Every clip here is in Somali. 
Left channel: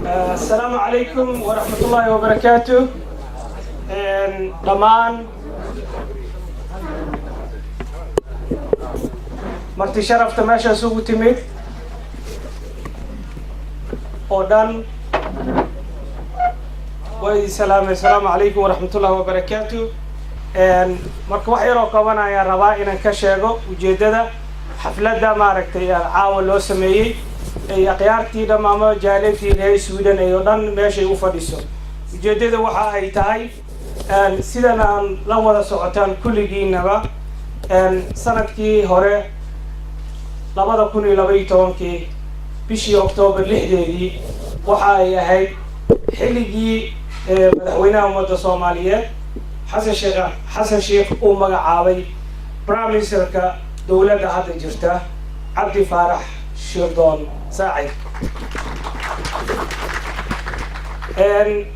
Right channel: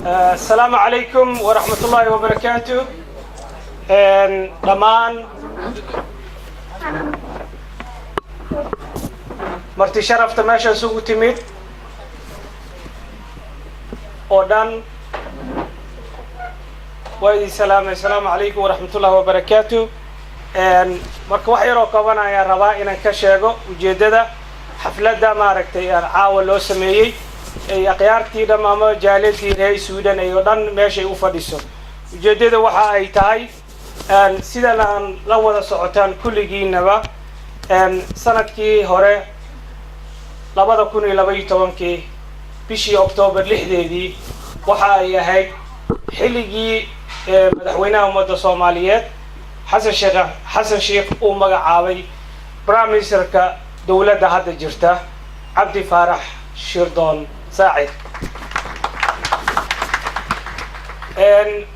السلام عليكم ورحمة الله وبركاته. دمان مرتي شرف تماشى سوق تميت ودان وإذ السلام عليكم ورحمة الله وبركاته. marka wax yar oo qabanaya rabaa inaan ka sheego ujeedada xafladda maaragtay caawa loo sameeyay ay aqyaartii dhamaama jaaladii reer Sweden ay oo dhan meeshay u fadhiso. ujeedada waxa ay tahay sidan aan la wada socotaan kulligiinaba sanadkii hore 2012 bishii October 6deedii waxa ay ahayd xilligii madaxweynaha ummadda Soomaaliyeed حسن شيخ magacaabay Prime Minister-ka dawladda hadda jirta Cabdi Faarax Shirdoon Saacid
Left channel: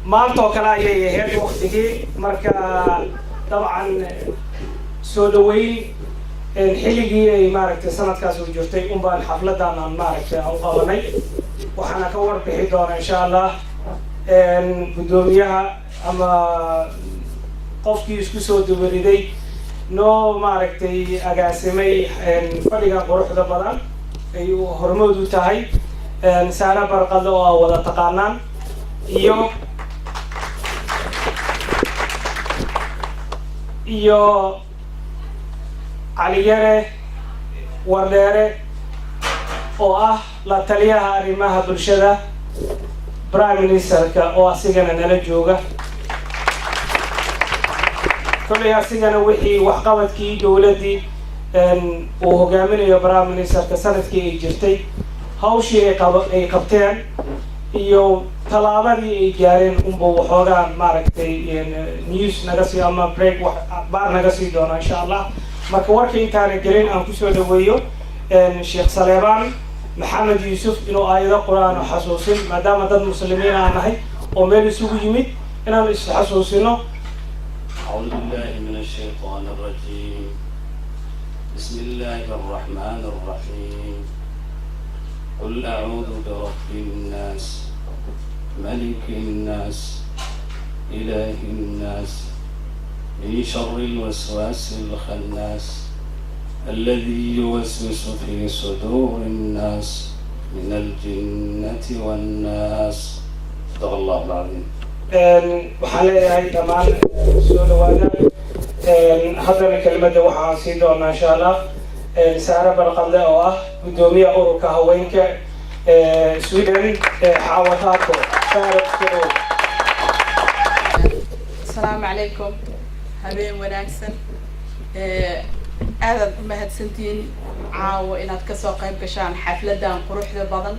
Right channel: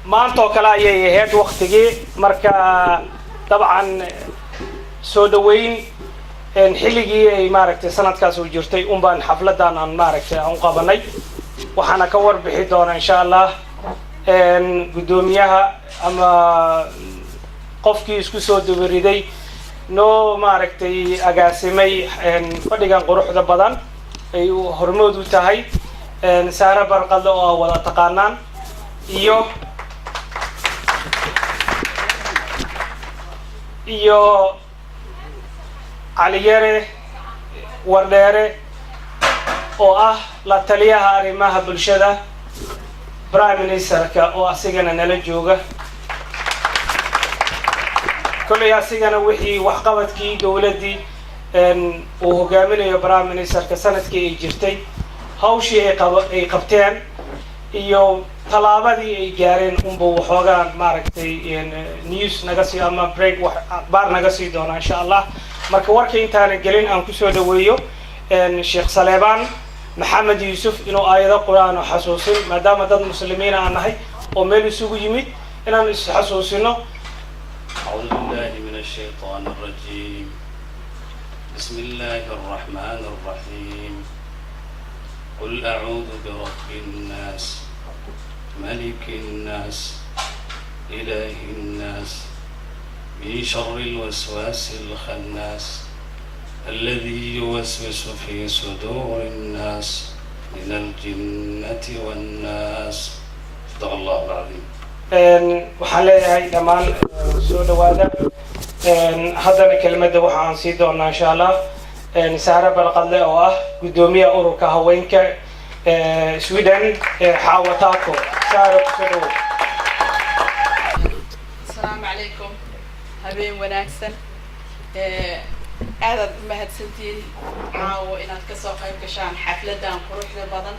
maanta oo kale ayay ahayd waqtigii marka dabcan soo dhaweyn xilligii ay maaragtay sanadkaas u jirtay baan xafladan aan maaragtay aan qabanay waxaana ka warbixi doona insha Allah gudoomiyaha ama qofkii isku soo dubariday noo maaragtay agaasimay fadhigan quruxda badan ay hormood u tahay Saara Barqadle oo wada taqaanaan iyo Caliyare Wardere oo ah la taliyaha arrimaha bulshada Prime Minister-ka oo asigana nala jooga كل ياسينا وحي وحقبت كي دولتي وهجامين Prime Minister كسنة كي جرتي هاوشي أي قبتين يوم طلابتي أي جارين بوحوجان ماركتي نيوز نجسي أما بريك بار نجسي دونا إن شاء الله مركور كي تاني جرين أم كسر دويو الشيخ سليمان محمد يوسف إنه آيات القرآن وحسوسين ما دام ضد المسلمين عنه ومن يسوق يميت إن حسوسينه. أعوذ بالله من الشيطان الرجيم. بسم الله الرحمن الرحيم. قل أعوذ برب الناس ملك الناس إله الناس من شر الوسواس الخناس الذي يوسوس في صدور الناس من الجنة والناس. صدق الله العظيم. وحالي كمان سؤال واحد هذا كلمة وحان سيدونا إن شاء الله سارة برقدله أو قدومية أوروكا هوينك سويدن حاوتاكو سارة خدو. السلام عليكم هبين وناكسن أنا مهد سنتين عاو إن أتكسر قيب كشان حفلة دان قروح ذا بدن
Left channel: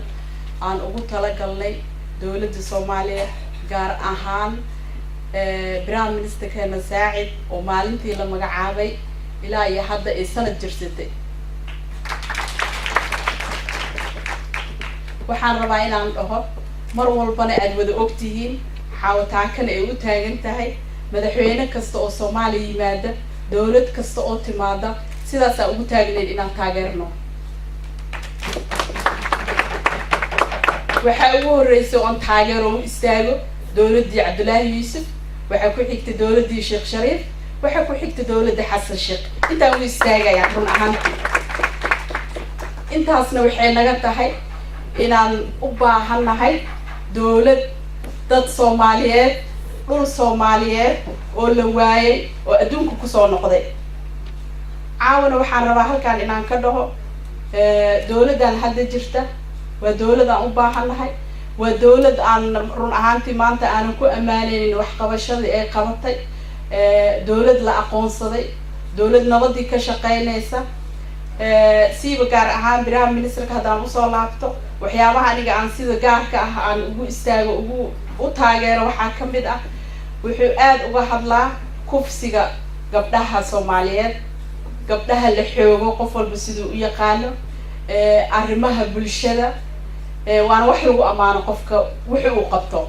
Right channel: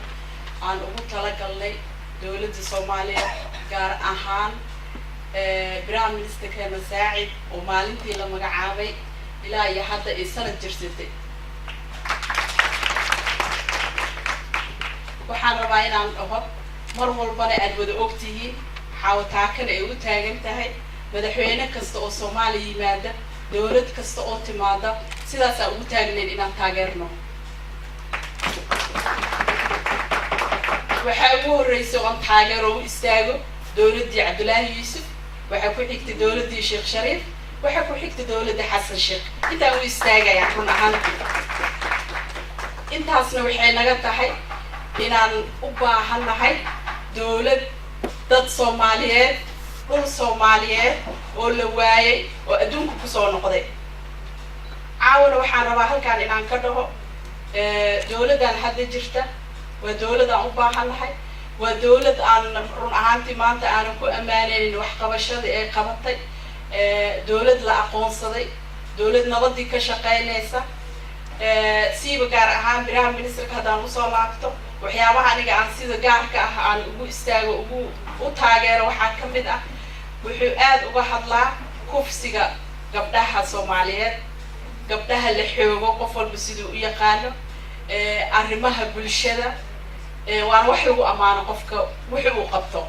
عن أقول تلاقي دولة الصومالية gaar ahaan Prime Minister-keena Saacid oo maalintii la magacaabay ilaa iyo hadda ay sanad jirsatay waxaan rabaa inaan dhaho mar walbana aad wada ogtihiin xawtaankan ay u taagan tahay madaxweyne kasta oo Soomaaliya yimaada dawlad kasta oo timaada sidaas ay ugu taagneed inaan taageerno waxa ugu horeysay oo taageero u istaago دولتي عبد الله يوسف وحكو حكت دولتي شيخ شريف وحكو حكت دولتي حسن شيخ انت هو يستاجا يعني أهم انت هسنا وحين نجت هاي إن أبا هنا هاي دولة ضد صوماليات كل صوماليات ولواي وأدونك كسر نقدي عاون وحنا واحد كان إن كده دولة ده حد جرته ودولة ده أبا هنا هاي ودولة أن رون أهانتي مانتا أنا كو أمانين وحقبشة إيه قبضتي دولة لا أقون صدي دولة نبضي كشقينيسا سيبا كار أهان Prime Minister كهذا مصالحته وحياوها نيجا عن سيدا كارك عن أبو استاغ أبو وتاجر وحاكم بدأ وحقاد واحد لا كوفسيجا قبلها صوماليات قبلها اللي حيوجو قفل بسيدو يقانو أرمها بالشدة وأنا وحيو أمانة قفك وحيو قبته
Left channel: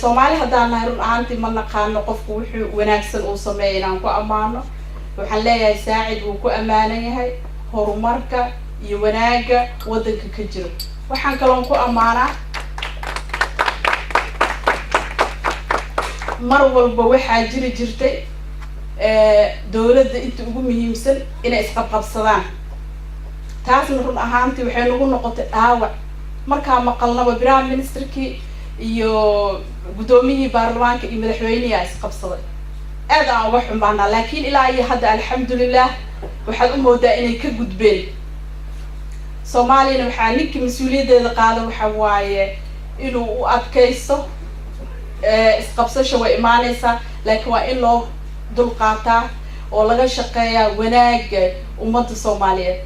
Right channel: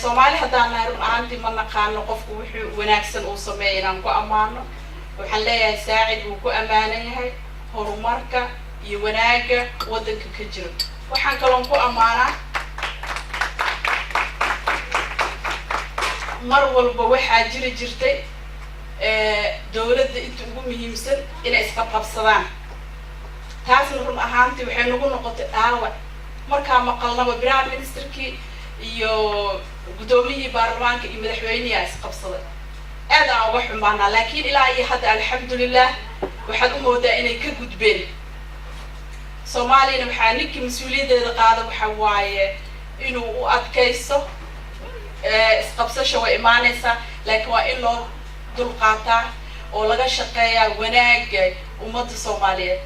Soomaali haddaan nahay run ahaantii ma naqaano qofku wuxuu wanaagsan uu sameeyay inaan ku amaano waxaan leeyahay Saacid uu ku amaanan yahay horumarka iyo wanaaga wadanka ka jira waxaan kaloo ku amaanaa mar walba waxaa jiri jirtay dowladda inta ugu muhiimsan inay isqabqabsadaan. taasna run ahaantii waxay nagu noqotay dhaawac markaa maqalnaba prime ministerkii iyo guddoomiyihii baarlamaanka iyo madaxweynihi isqabsaday. aad aan uga xumaanaa, laakiin ilaa iyo hadda alxamdulilah waxaad u moodaa inay ka gudbeen. soomaaliyana waxaa ninkii mas-uuliyaddeeda qaada waxa waaye inuu u adkaysto. isqabsasha way imaanaysaa, laakiin waa in loo dulqaataa oo laga shaqeeyaa wanaaga ummadda soomaaliyeed.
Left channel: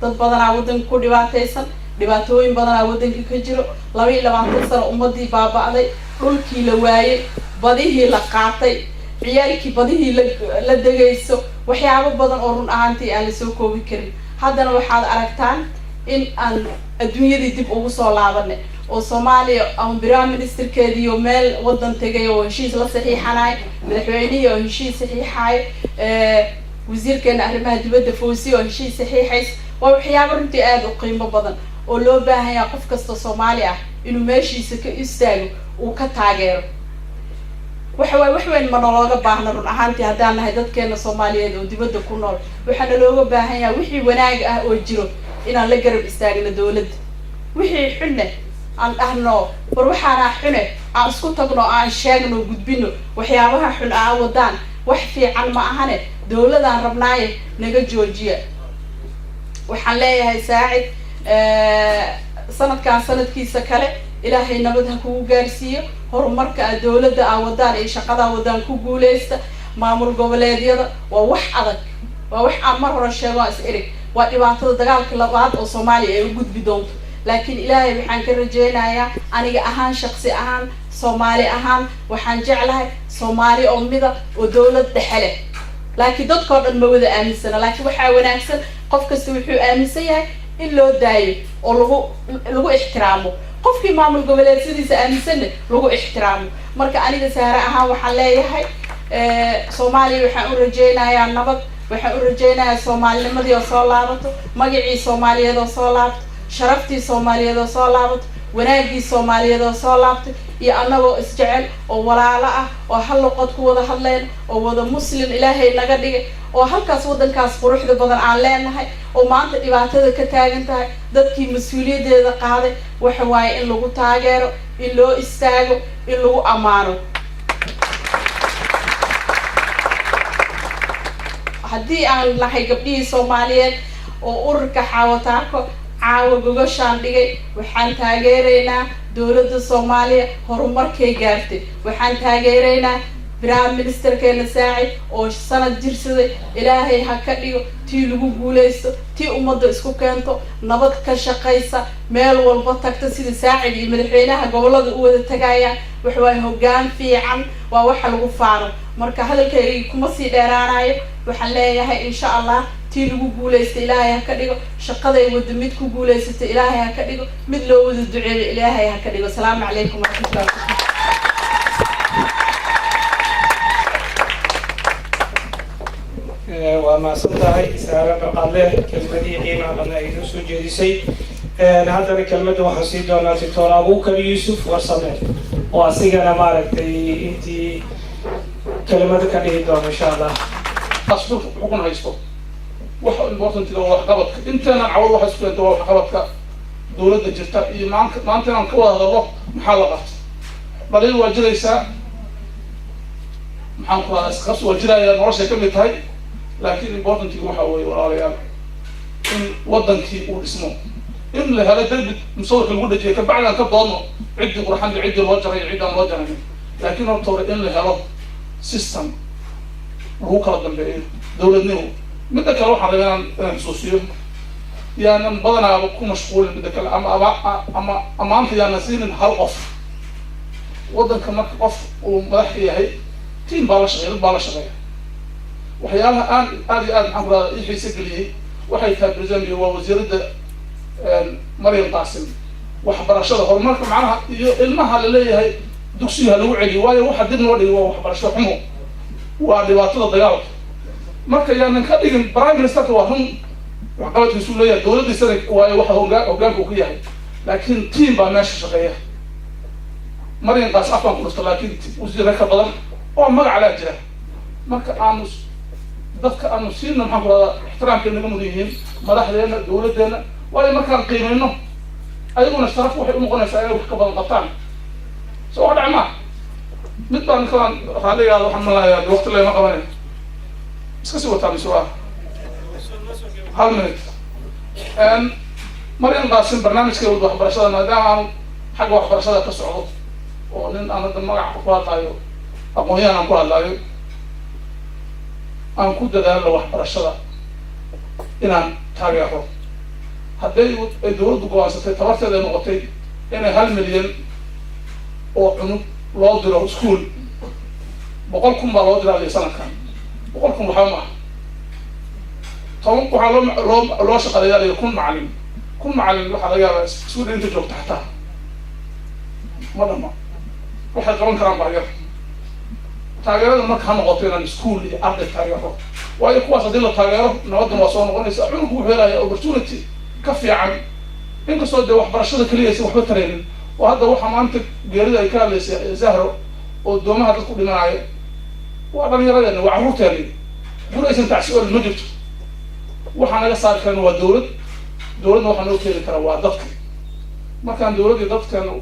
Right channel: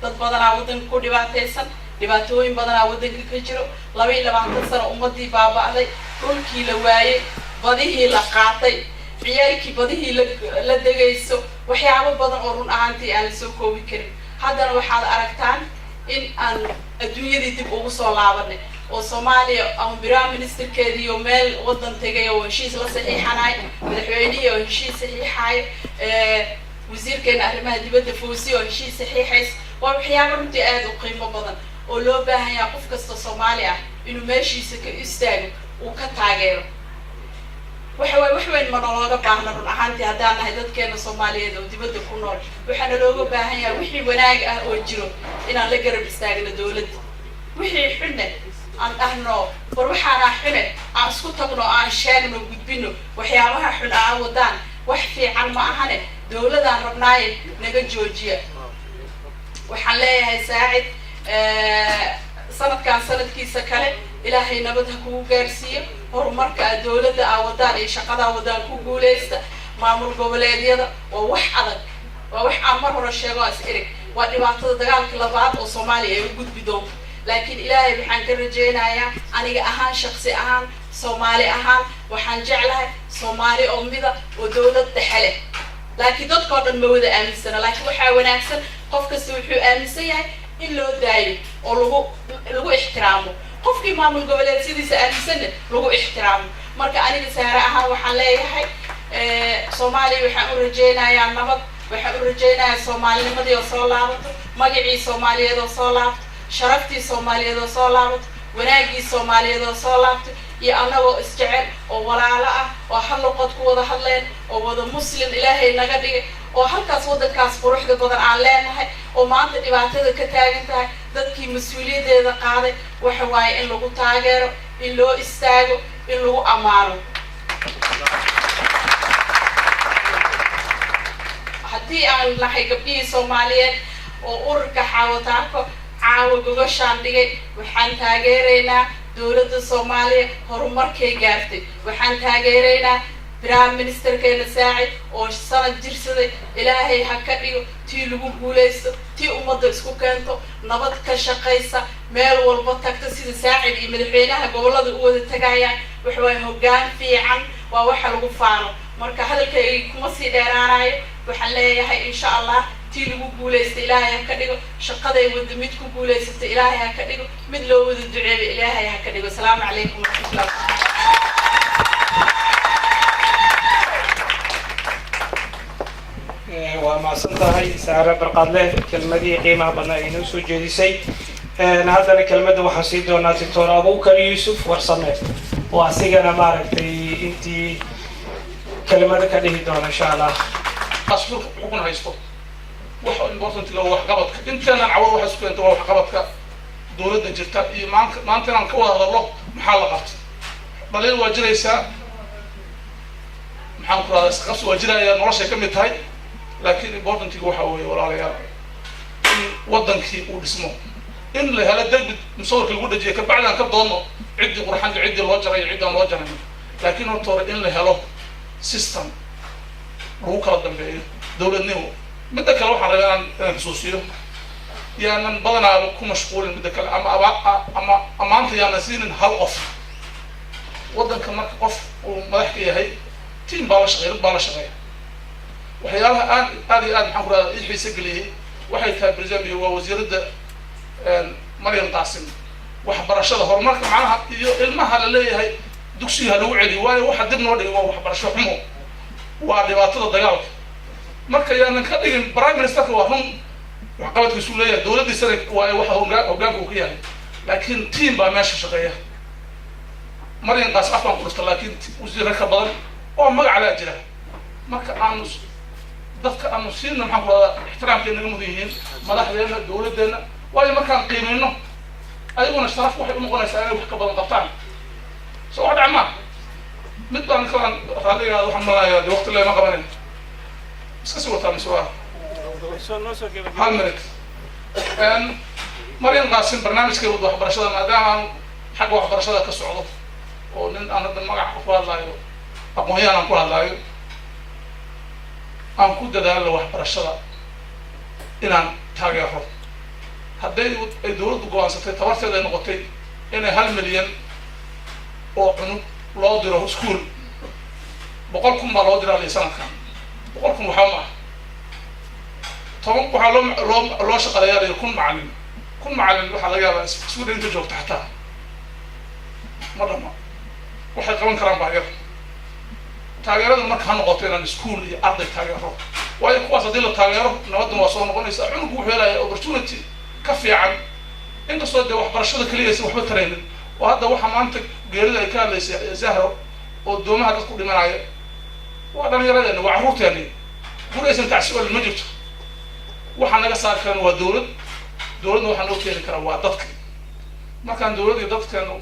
dad badanaa waddanka ku dhibaataysan, dhibaatooyin badanaa waddanka ka jiro. 22 sano ummaddii baaba'day, dhulkii la waayey, badihii la qaatay, ciyaalkii badihii la degayso, waxyaabo badan oo run ahaantii aan la soo koobi karin. haddana waxaad aragtaan in aan adduunyadii dib ugu soo laabanay oo Soomaaliya ama prime ministerkeedii oo meel waddan tegay oo heshiis la saxiixanay, madaxweynihii oo heshiis saxiixay, wasiirkeena arrimaha dibadda Fawzi oo heshiis saxiixays. waa waxyaabo runtii aad u qiimo badan oo loo baahan yahay qof kasta Soomaali ah inuu meeshiisa ka istaago uu ka taageero. wax weyn ma looga baahna run ahaantii haddaan nahay dadkeena Soomaaliyeed oo dibadda ku nool. waxaana looga baahan yahay wixii wanaag ah oo jiro inaan la garab istaagno dowladda. wixii xunne aan dhahno war waxaana xune aan isku tagno, aan sheegno, gudbino waxyaabaha xun aan wadaan wax fiican ma ahane. dowladaan rabnaaye naga joojiya. waxaan leeyahay Saacid sanadkan sanadkiisa kale ilaahay nabad ha kugu gaarsiiyo. horumarka dowladda aa wadaan iyo shaqada wadaan ku guuleysta. maamul goboleedyada waa wax adag, waa wax aan mar hore sheego is erig. waa dhibaatada dagaalka labaad oo Soomaaliya ay u gudbi doonto. laakiin ilaahay waxaan ka rajeynayaa aniga ahaan shakhsi ahaan Soomaali ahaan waxaan jeclahay Soomaali oo mida oo dowlad dhexe leh. laakiin dadkoo dhan ma wada aaminsana, laakiin waxaa wanaagsan qof kasta wuxuu aaminsan yahay in loo daayo oo lagu ixtiraamo. qofkii maamul goboleedyadiisa aaminsanna lagu ixtiraamo. marka aniga Saare ahaan waxaan leeyahay Soomaaliya waxaan u rajeynayaa nabad. waxaan u rajeynayaa Soomaalinimadii oo soo laabato, magacii Soomaaliyeed oo soo laabto, sharaftii Soomaaliyeed oo soo laabato, wanaagii Soomaaliyeed oo soo laabto, iyo annagoo isjecel oo walaalo ah oo hal luqad ku wada hadleen oo wada muslim ilaahay naga dhigay oo halkaas waddankaas quruxda badan aan leenahay oo maanta dhibaatada ka taagan tahay. dadkii mas-uuliyaddeeda qaaday waxa waaye in lagu taageero, in loo istaago, in lagu ammaano. haddii aan nahay gabdhihii Soomaaliyeed oo ururka Xaawataako caawa gogashaan dhigay, waxaan taageeraynaa dowladda Soomaaliya horumarkay gaartay. waxaan taageeraynaa prime ministerkeena Saacid oo sanad jirsaday. ilaahay ha ka dhigo tii lagu guuleysto, tii ummadda isku keento, nabad ka shaqaysa, meel walba tagta sida Saacid iyo madaxweynaha gobolada u wada tagayaan. waxa waaye hoggaan fiican, waa waxa lagu faano. marka hadalkayga kuma sii dheeraanayo. waxaan leeyahay insha Allah tii lagu guuleysto ilaahay ha ka dhigo, shaqaday wada mid ku guuleysata ilaahay ha ka dhigo, mid loo wada duceeyo ilaahay ha ka dhigo. asalaamu calaykum waraxmatullahi wabarakatuh. waa mahadsan tahay Saare Barqadle kelmadii qiimaha badnaa ay noo soo jeedisay. haddana kelmadda waxaan sii doonaa Dr. Abuukar Yuusuf Warsame oo asigana maaragtay intii kelmada ka dhihi doona insha Allah. asfurka xukun haysto waxa importantiga waa waxqabadka. inteenan cawad waxa isku keento waa waxqabadka dowladda jirta iyo maanta inaan ka wada hadallo maxaa la qabtay. balin waa jiraysaa, maxaan ku radaa isqabsi waa jiraya, noloshay ka mid tahay. laakiin importantiga waxa weeye walaalayaal in waddankii uu dhismo, in la helo derbi musawirka lagu dhajiyo kabacdaan ka doodno ciddii qurxan iyo ciddii loo jaray iyo ciddaan loo jarayn. laakiin horta hore in la helo system lagu kala dambeeyo dowladnimo. midda kale waxaan rabaa inaan xusuusiyo yaanan badanaaba ku mashquulin midda kale ama ammaanta yaanan siinin hal qof. waddanka marka qof uu madax ka yahay tiim baa la shaqeeya, dad baa la shaqeeya. waxyaalaha aad iyo aad maxaan ku radaa ii xiise geliyey waxay tahay brisambia waa wasiiradda Maryam Qaasim. waxbarashada horumarka macnaha iyo ilmaha la leeyahay dugsiga lagu celiyo, waayo waxa dib loo dhigay waa waxbarasho xumo, waa dhibaatada dagaalka. marka yaanan ka dhigin prime ministerka waa run waxqabadkiisu leeyahay, dowladdiisana waayo waxa hoggaanka uu ka yahay, laakiin tiim baa meesha shaqeeya. Maryam Qaas afaan ku dhirta, laakiin wasiirka ka badan oo magac la jira marka aanu dadka aanu siina maxaan ku radaa ixtiraamkeena naga mudan yihiin madaxdeena dowladeena waayo markaan qiimayno ayaguna sharaf waxay u noqonaysaa inay wax ka badan qabtaan soo wax dhacmaa mid baan kalaan raaligaada waxaan malayaa waqti leema qabanin iska sii wataa misugaa hal minute Mariam Qaasim barnaamijkeeda waxbarashada maadaama xagga waxbarashada ka socdo oo nin aan hadda magac ku hadlaayo aqoon-yahan aan ku hadlaayo aan ku dadaalo waxbarashada inaan taageero hadday ay dowladdu go'aansatay tabarteeda ay noqotay inay 1 milyan oo cunug loo diro iskuul 100,000 baa loo diraa sanadkan 100,000 waxaa ma طبعا waxaa loo shaqaleeyaa kun macallin waxaa laga yaabaa iskuul inta joogta xataa ma dhama waxay qaban karaan baahyar taageerada marka ha noqoto inaan iskuul iyo arday taageero waayo kuwaas haddii la taageero nabaduna waa soo noqonaysa cunugu wuxuu helayaa opportunity ka fiican inkastoo dee waxbarashada keliya aysan waxba taraynin oo hadda waxaa maanta geerida ay ka hadlaysay Zahro oo doomaha dad ku dhimanaya waa dhallinyaradeena waa carruurteeni guri aysan tacsiil ma jirto waxaa naga saari karana waa dowladna waxaa noo keeni kara waa dadka markaan dowladii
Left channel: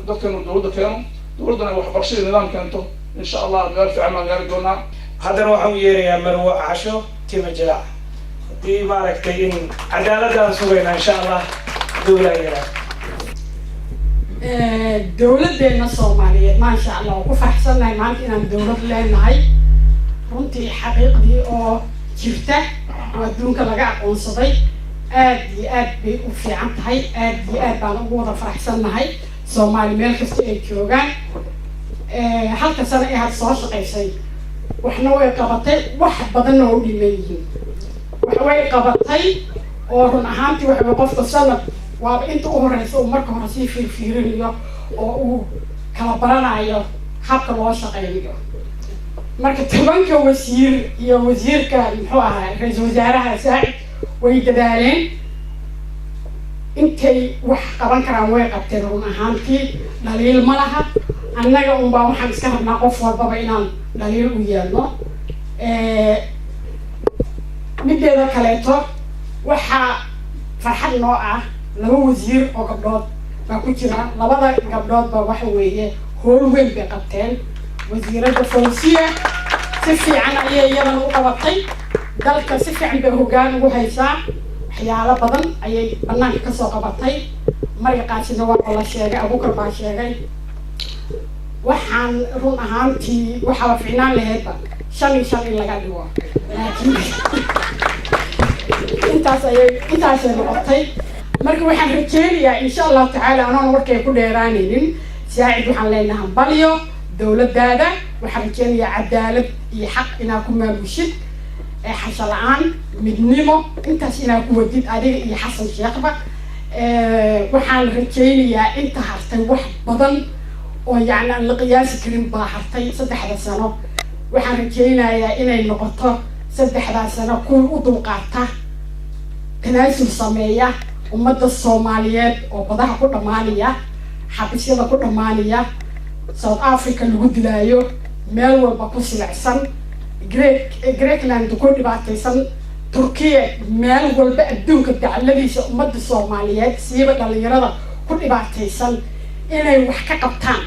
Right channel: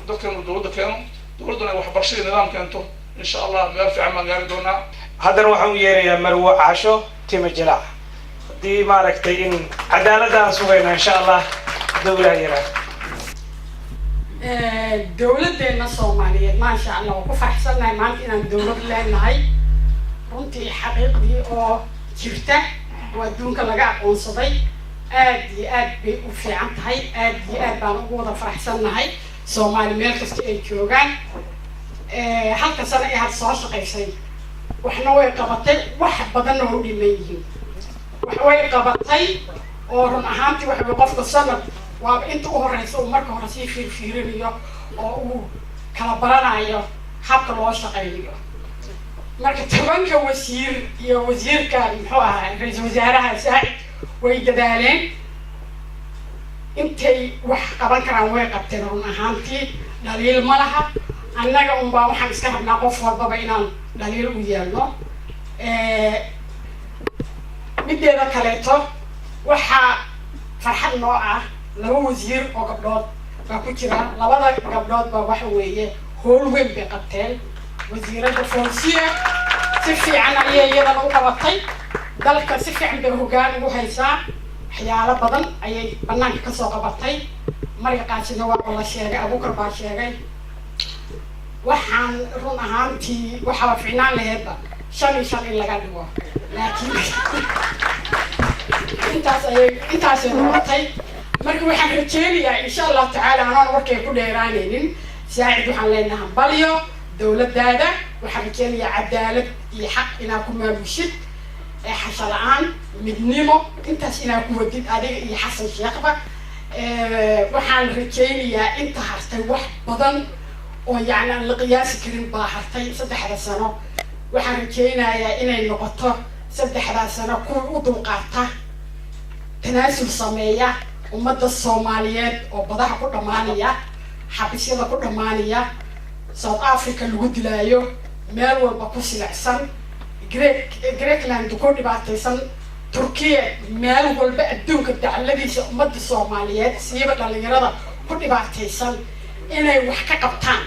dadkeenu dowladda keeno dowladduna ay waxbarashadii nidaam keento insha allah meel fiican baan gaari doonaa haddana waxaan u yeerayaa Marwo Caasho Tima Jilaac haddii maaragtay in cadaaladaan sugayna insha allah dowlaha yaraa dowladdeena Soomaaliyeed maasha Allah oo ku faraxsanahay maanta inaan dowlad leenahay runtii xaqiiqdii oo jirta oo adduunka laga aqoonsaday aad iyo aad bay u fiican tahay aad iyo aad baan ugu wada faraxsanahay Soomaali meel kasta ay joogaan halka sano ay had soo shaqaysay waxna way qabatay wax badan oo dhiman yihiin wax way qabatay oo run ahaantii waxa qofka sanad waa inta u horeysa uu marka hore sii fiirinayo oo uu kala baranayo habka loo shaqeeyo marka 10 wasiir iyo wasiirka muxuu ahaa ra'iisul wasaaraha Saacid way dadaaleen intay wax qaban karaan way qabteen run ahaantii dhaliil ma laha annaga baa waxaan iska rabnaa qof walbaba inaan dhaliil u yeelno mideeda kaleeto waxaa farxad noo ah 2 wasiir oo gabdhood baa ku jira labada gabdhood baa waxa weeye howl weyn bay qabteen wasiirada Fawziya si fiican ayay iyadana u qabatay dalka si fiican bay hoggaan ugu haysaa waxyaalo badan ayay banaanka ka soo qabatay Mariam Qaasim waa la sheegay Abuukar baa sheegay waxaan run ahaantii waxaa fiicnaan lahaydba 5 in laga dhigo laakiin intaas ay noqotay marka waxaan rajeynayaa insha Allah tacaala anaan warkay ku dheeraanaynin Saacid waxaan leenahay balyo dowladdaada waxaan rajeynayaa cadaalad iyo xaq inaad ku maamushid xasha la'aan midnimo intaas inaad ku wadid adiga iyo Xasan Sheekhba waxaan rajeynayaa inta hartay wax badan oo yacni aan la qiyaasi karin baa hartay 3 sano waxaan rajeynayaa inay noqoto 3 sano kuwa u dulqaata tanaasul sameeya ummadda Soomaaliyeed oo badaha ku dhamaanaya xabisyada ku dhamaanaya South Africa lagu dilaayo meel walba ku silacsan Greekland ku dhibaataysan Turkiya meel walba adduunka dacaladiisa ummadda Soomaaliyeed siiba dhalinyarada ku dhibaataysan inay wax ka qabtaan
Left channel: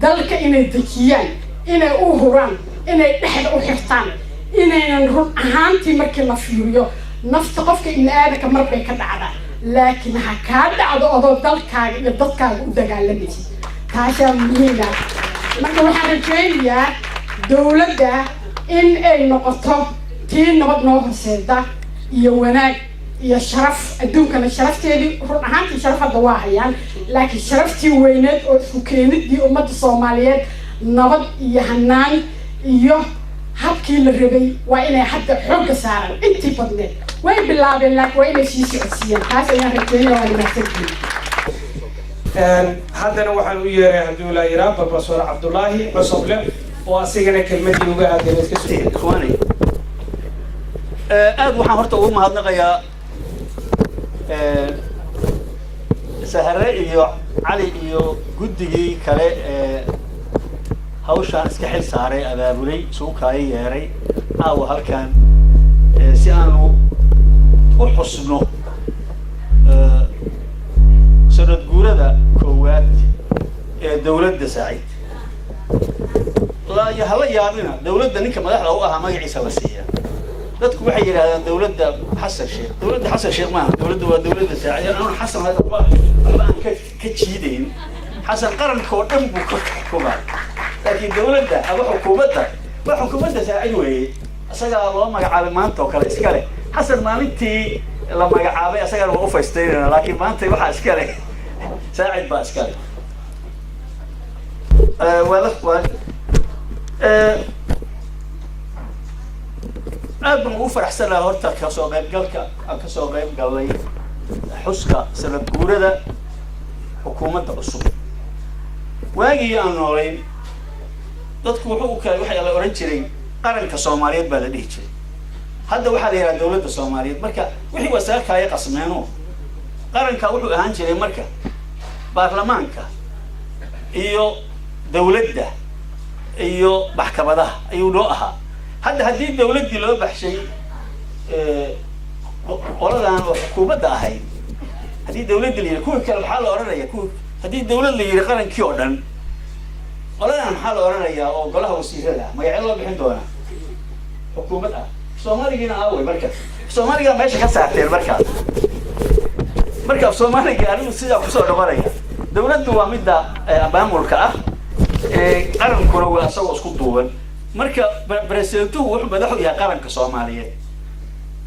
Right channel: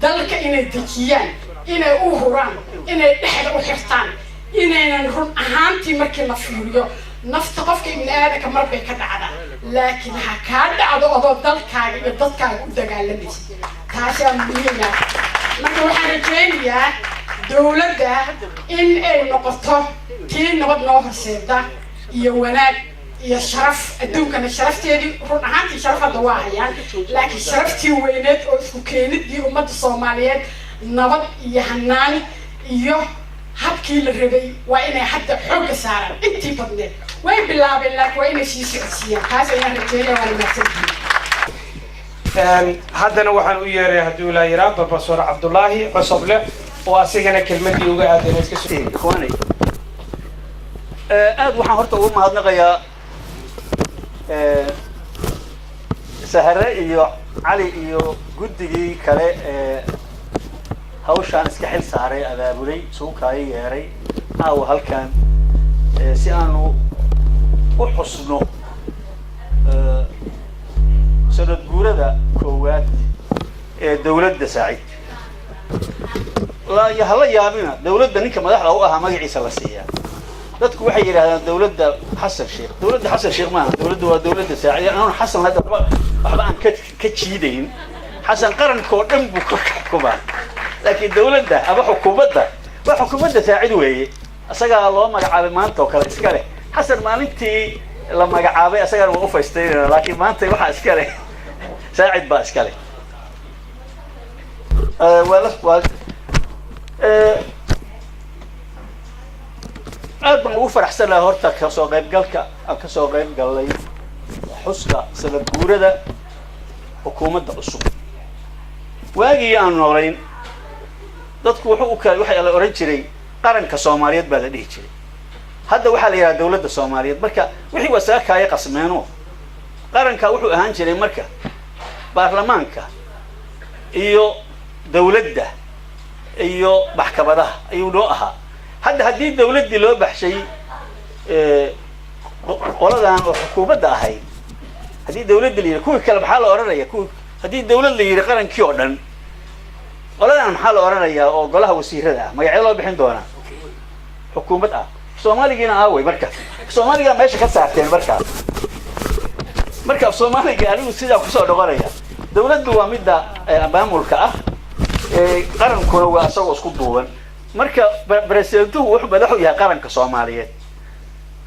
dalka inay dejiyaan inay u huraan inay dhexda u xirtaan inaynan run ahaantii markii la fiiriyo nafta qofka ibn aadamka marbay ka dhacda laakiin ha ka dhacdo adoo dalkaaga iyo dadkaaga u dagaalamaysa taasoo muhiim ah marka waxaan rajeynayaa dowladda in ay noqoto tii nabad noo horseeda iyo wanaag iyo sharaf adduunkana sharafteedii run ahaantii sharaf hadda waa hayaan laakiin sharaftii weyneed oo isku keenidii ummadda Soomaaliyeed nabad iyo hanaan iyo habkii la rabay waa inay hadda xoog saaran intii badneed way bilaabeen laakiin waa inay sii socodsiiyaan taas ayaan rajeynayaa waa mahadsantihiin haddana waxaan u yeeray haddii la yiraahdo Professor Cabdullaahi Cosoble oo asigana kelmadii uga aadan iska soo ikhwaani aad waxaan horta ugu mahadnaqayaa Sahare iyo Cali iyo guddigii kale hawshaan iska xil saaray abaabulay suuqaayo yeeray aawa halkan si aanu u xusno sanad guurada koowaad ee dawladda Saacid la hala yaabina dawladda ninka madaxda u ahaa magaciisa la siiyaa dadku waxay yiraahdaan dawladda Xasan Sheekh maaha dawladda waa dawladda Saacid anuu Xasan hadda waxba aan ka jiidayn Xasan qaranko dhan buu ka xukumaa laakiin dawladda ama xukuumadda waa xukuumadda Saacid weeye asaga loo magacaabay maanta oo kale iska leh Xasan maalintii la magacaabay asaga waa u faysteynaa laakiin maanta waxa iska leh Saacid baa iska leh aad baan ugu faraxsanahay horta ka soo qayb galay xuska sanad guurada xukuumadda cusub waagii aan noolayn dadku waxay la oran jiray qaranka Soomaaliyeed baa la dhihi jiray hadda waxaa la yiraahdaa dawladda Soomaaliyeed marka wixii wasaakaya qasmeeno qaranka wuxuu ahaan jiray marka baarlamaanka iyo dawladda iyo maxkamadaha ayuu loo ahaa hadda haddii dawladdii loo baxshay qoladan oo xukuumadda ahayd haddii dawladda la yiri kuwa kale maxaa la oranayaa kuwa haddii dawlad la yiri qarankii oo dhan qoladan maxaa la oranayaa oo golaha wasiirada ah magacyada loo bixin doona xukuumad ah Soomaaligiina aaway marka Soomaaliga meesha ka saarteen marka Soomaaliga anigu sidaa ku soo dhaqanaya dawladdu waa midda maamulka ah qarankuna waa asagoo isku duuban marka presidentku wuxuu madax u yahay qaranka Soomaaliyeed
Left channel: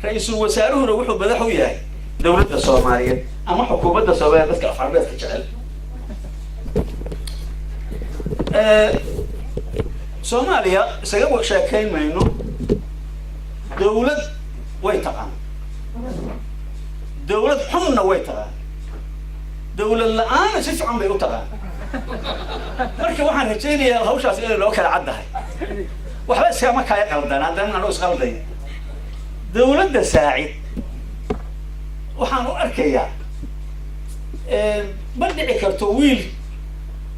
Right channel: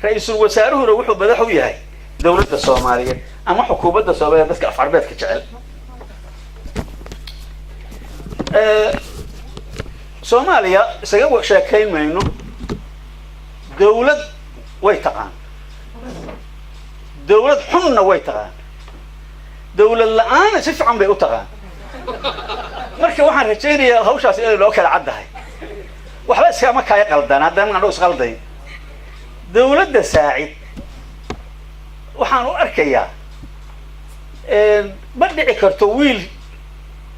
ra'iisul wasaaruhuna wuxuu madax u yahay dawladda Soomaaliyeed ama xukuumadda Soomaaliyeed dadka afcarbeedka jecel Soomaaliya isaga sheekayn mayno dawlad way taqaan dawlad xunna way taqaan dawlad la'aan si fiican bay u taqaan marka waxaan rajaynayaa hawshaas inay loo kala caddahay waxba iskama kaya qaldan haddana aan is qaldayn dawladda Saacid waxaan u arkayaa ma dhici karto wiil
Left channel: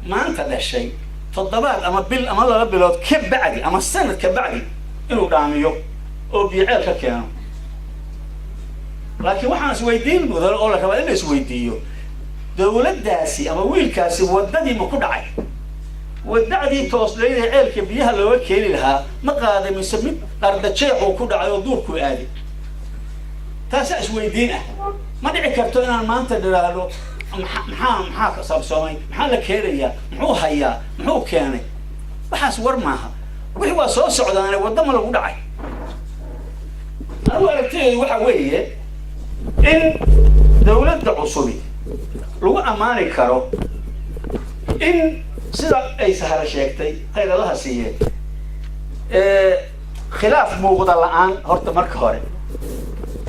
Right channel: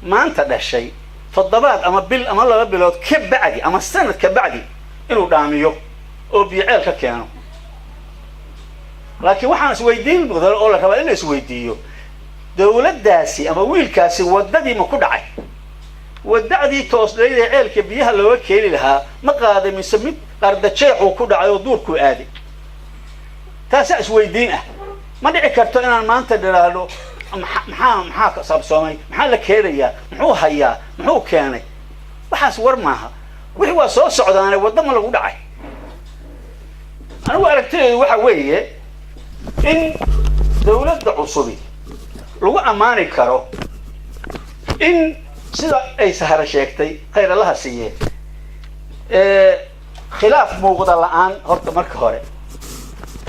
maanta dhashay toddobaad ama bil ama 2 bilood ka bacdi ama sanad ka bacdi inuu dhaamiyo oo biiceel ka keeno laakiin waxaan is weydiin mudan oo la rabaa in la is weydiiyo dawladdaasi ama wiilkaasi wadadii ma ku dhacay wadadii toosleeyay ceelka biyaha looga keeni lahaa ma qaaday mise mid qardajeex uu ku dhacay oo duurku aaday taas is weydiin ah ma dhici karto inaan maanta dhiraado maxaa ka sabsoomay maxaa la keenayaa muxuu hayaa muxuu keenay waxaas war maaha wixii waa soo socdaanay wadama lagu dhacay anigu aragtaydu waxa weeye in dawladda cusubi lagu amaani karo in sida ay sahara sheegtay khayrallaha siiyeen khilaaf muuqda la'aan horta marka hore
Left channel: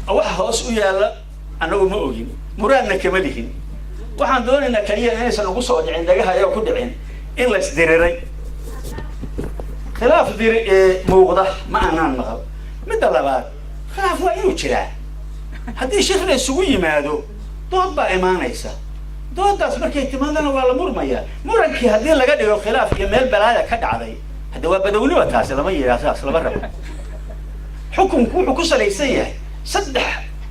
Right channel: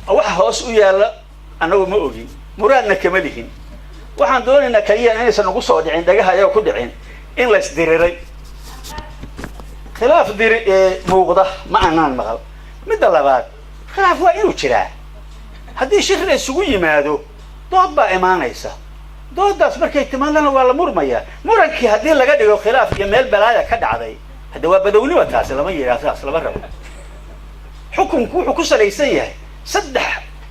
waxa hoos u yaala anagu ma ogin muraadna kama lihin waxaan doonaynaa kaliya inaysan ugu soo dhicin dagaha ayaa ku dhicin in la isdiriray khilaaf muuqda ma aanan maqal midda labaad khilaaf waa inuu jiraa haddii shir la isugu yimaado dood baa imaanaysa doodaas markay timaadana waa la murmayaa murankii haddii laga dhigo khilaaf iyo meel balaaya ka dhacday hadda waa badawniba taasi lama yiraahdo taas lama rabo xukunku wuxuu ku salaysan yahay 3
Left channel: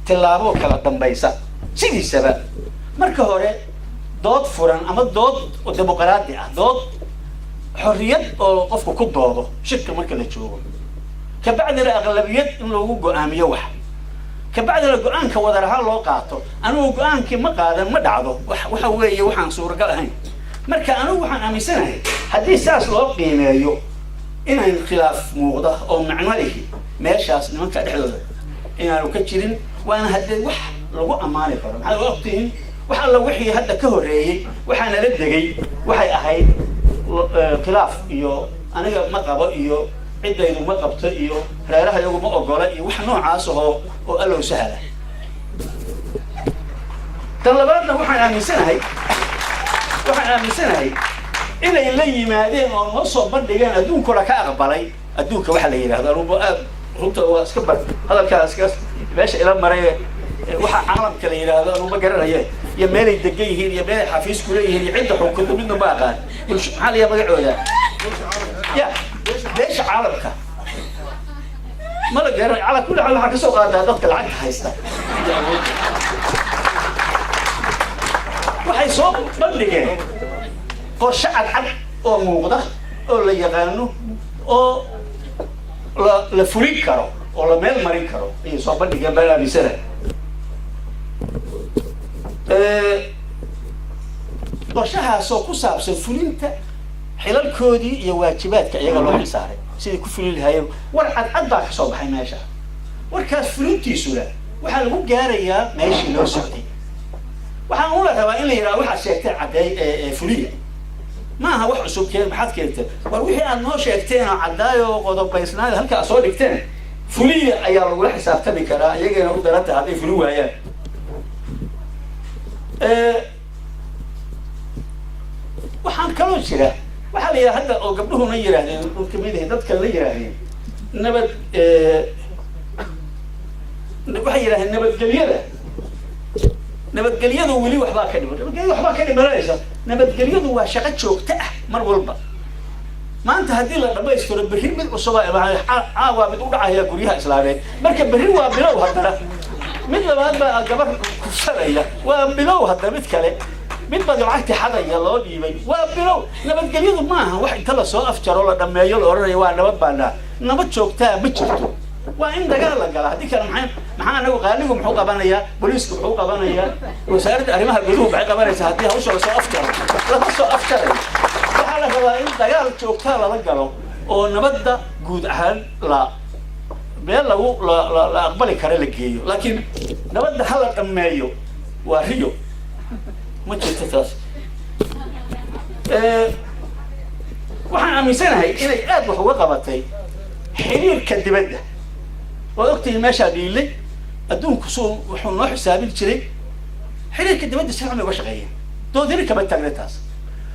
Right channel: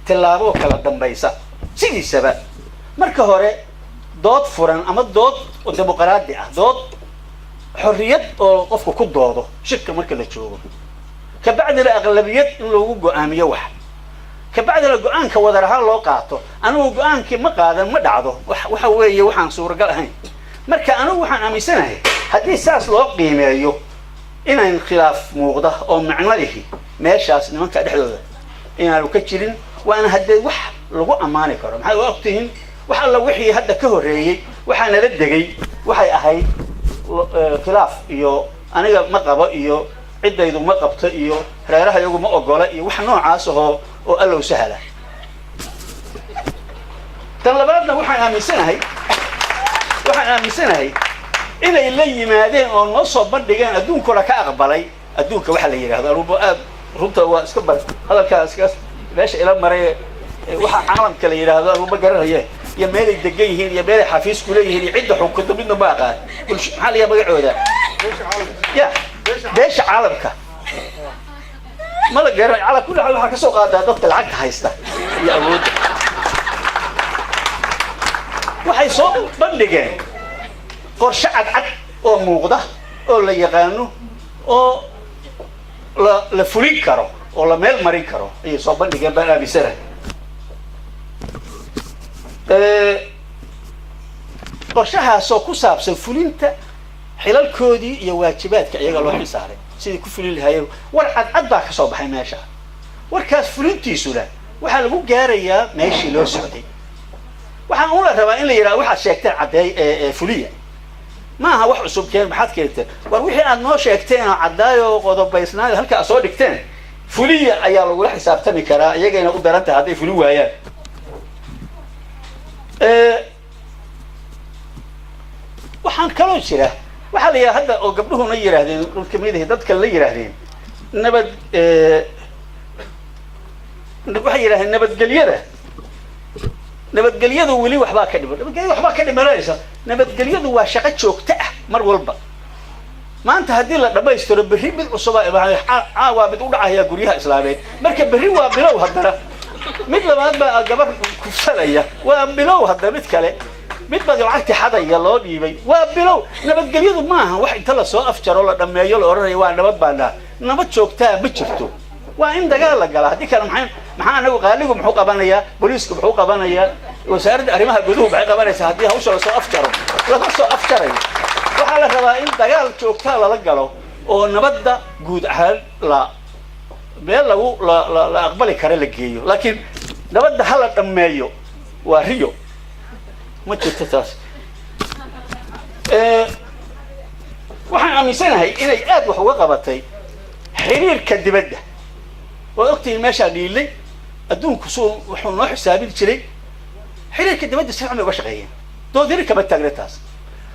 tilaabo kala dambaysa sidiisaba marka hore dood furan ama dood dimuqraadi ah dood xorriyad oo qofku ku doodo shirka marka la joogo ka bacdina aqlabiyad in lagu go'aamiyo ka bacdina go'aanka wadar ahaan loo qaato anigu go'aankii ma qaadan ma dhacdo waxa weeye waxaan suuragal ahayn marka anigu waxaan aaminsanahay haddii saas loo qiimeeyo inaan khilaaf muuqda oo macno leh meeshaas nimanka dhexdooda inaanu ka jirin waana haddii wax lagu amaani karo maxay waqtihin wax alla wixii hadda ka horeeyay waxaana la degay waxay ahayd khilaaf iyo aniga ma qabo iyo ciddaydu ma qabto iyo reeraha iyagu ma ogola iyo wax noocaas oo allow sahla tan labaadna waxaan aaminsanahay inay la yimaadeen oo noo soo bandhigeen adduunkuna ka aqbalay adduunka waxa la yiraahdo aruba aad runta waa iska bar hadalkaas meesha ila maray waxa caalamka la yiraahdo aruba garanaya iyo meelay degan yihiin iyo meelay xafiis ku leeyihiin iyo cidda xukunta midna ma aqaan maxaa la magacooda يا ليش عالمك ما لقى على كل حال waxaa ka soo qaadaa dadka lacagta haysta iyo awood waxay soo bandhigeen qorshe cad oo muuqda oo la yaqaano oo la fulin karo oo la meel marin karo ay soo bandhigeen baa amisana qorshahaas oo ku saabsan fulinta xilalkoodii iyo waajibaadka iyaga loo xilsaaray sidii ku fulin lahaayeen war cad baa ka soo baxay meesha warkaas fulintiisuna waxaa lagu gaarayaa meeshii loo socday waxaan u la rabaa in la yiraahdo waxa sheegteen cadeey fuliya ma aha wax cusub keen maxaad keenteen war wixii aad noo sheegteen oo cadaayo qodobaysnaa halka soo dhigteen fuliya ayaa lagu xisaabtami karaa iyagana u daranta haday fuli waayaan waxaan kaloo jira waxaa la yiraahdaa hadda oo gabdhuhuna yiraahdeen dhulka midahay dadka la yiraahdeen nabad waxay yiraahdeen nabadgelyadu weli waxbaa ka dhiman nabadgelyadu waxbaa ka dhimanaysa nabadgelyadu waa shaqo joogto ah mar walba maanta haddii la dhamaystiro berri mid cusub waa mid u dhacaya guryaha islaameed marka berri waa bilow haddana mid labaad baa gabar kufsanaya waa bilow haddana mid kale mid baa lacagti xadaya loo dhiibay waa bilow nabadgelyadu maaha wax inta la soo afjaro la dhameeyo la oranayo waa nabad baana nabad joogtaa ma jirto waa in dagaal la gala haddii kale maxaa anagu qaaligu muxuu qabanayaa booliisku muxuu qabanayaa wasaaradda arrimaha guduhu maxay qabanaysaa haddii hawsha lasoo afjaro lama soo afjarayo waxaa la rabaa in dagaal joogtaa lala galo oo nabadda guud ahaan meel la aqbali kara la geeyo laakiin nabadda hala dhameeyo waa riyo ma jirto taas waxaan aaminsanahay inay aad wax uga qabatay xiriirka dibadda waad ogtihiin meeshaa dhiilay adduunku wuxuu noo xisaabin jiray xiriirka dibadda si fiican bay uga shaqeeyeen doodiri kama taagna taas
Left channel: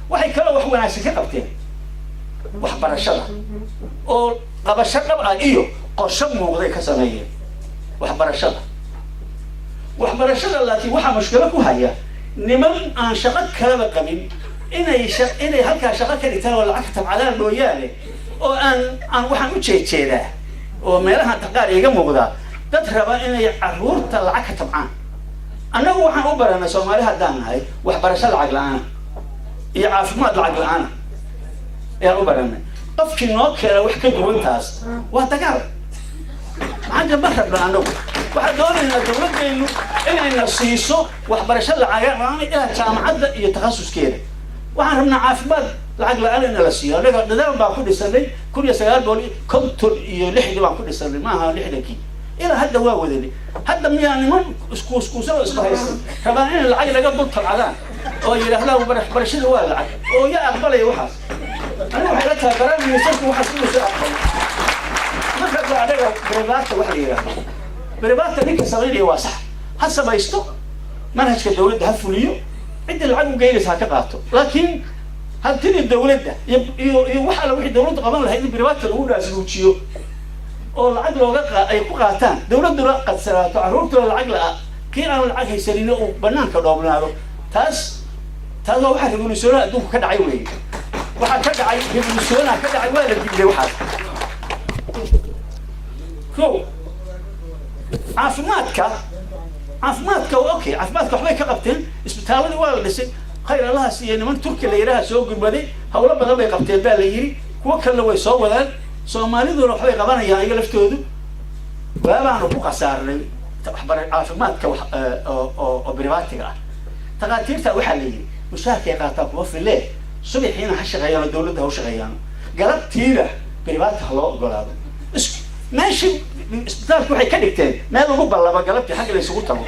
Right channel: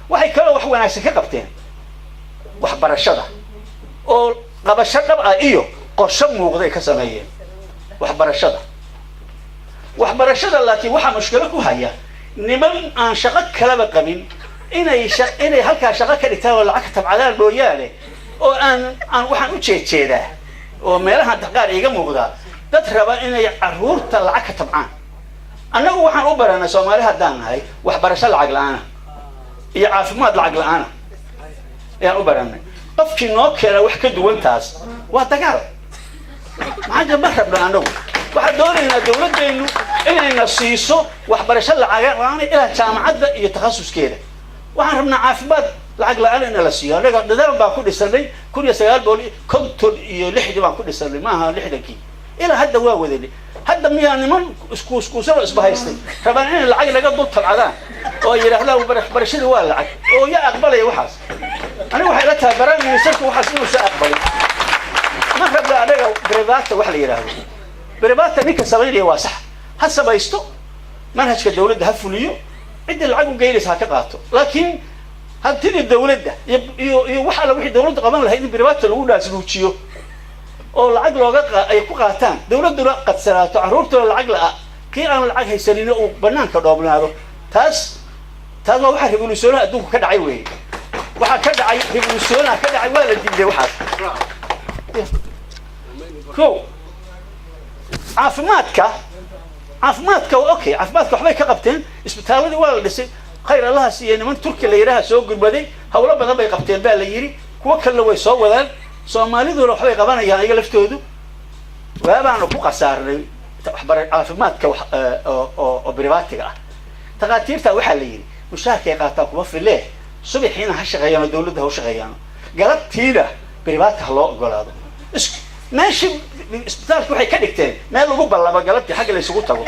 waxay kaloo wax wanaagsan ka qabteen waxbarashada oo qabasho dhab ah iyo qorshe muuqday ka sameeyeen waxbarashada laakiin waxaa mushkilo ku haya niman aan shaqo kalaba qabin inay halkaa shaqo ka dhigtaan oo lacag ka tabcadaan mooyaane oo aan waxaan u jeedaa oo meelahan qaar iga muuqdaa dad raba inay caruurta lacag ka tabcaan annagu waxaan u baranay Soomaali haddaan nahay waxbarasho lacag la'aan iyo caafimaad lacag la'aan ayaan u baranay qofkii noo keena wax ka duwan taas waa dagaal maxaa ma rabna annagu waxaan doonaynaa dawladdeenu inayna siiso waxbarasho lacag la'aan ilaa jaamacadda iyo takhasuskeeda waxaan rabnaa caafimaad lacag la'aan in la siiyo anaga dadaal baan ku dhisanay 1956 baan ku dhisanay maaha 60kii ilaa hadda waa wadanay hadda miyaa niman iskuusaba isbahaystay rabaan in lacag laga dul tabcadaan oo yiraahdaan waxbarashada waa lacag oo yaa aqbalay waxaas aniga waxay la tahay barnaamijku waxaas inuu soo aqbalay ma rabna anaga brevaata wax la yiraahdo brevaata ninka sameeyay waa sax ha samaysto manhajka dawladda ha fuliyo cid lacag u geynaysa ka qaato laakiin hadii dawladda iyo waxa la wixii dawladda qaban lahayd in brevaata lagu dhaasluujiyo oo lacag looga ay ku qaataan dawladuna qad salaato caruurtooda lacag la kii aan lacag haysanin oo banaanka dhoobnaado taas waa waxa revolutionary adduunka ka dhacay weey waxa ka dhacay revolutionary ka dhacay waa la diiday waxaas caafimaadka okay caafimaadka waxbay ka qabteen isbitaaladii waa la dhisay khayr Allah siiyo niman Turki la yiraahdo soo gurbaday hawlo badan bay qabteen baa la yiri kuwa kale way soo wadaan Soomaaliduna waxbay qabanayaan iyaga laftoodu waabaan ku qasaarnay caafimaadka oo privaatiga ah taqaatiirta waxa la yiri mushaarkay qaataa kuma filee subaxiina ha shaqeeyaan dawladda ha shaqeeyaan galabtiina privaat ha loo ogolaado ماشي isbitaalku waxay ka dhigteen meel lagu ballaba galabtii xagga la isugu tago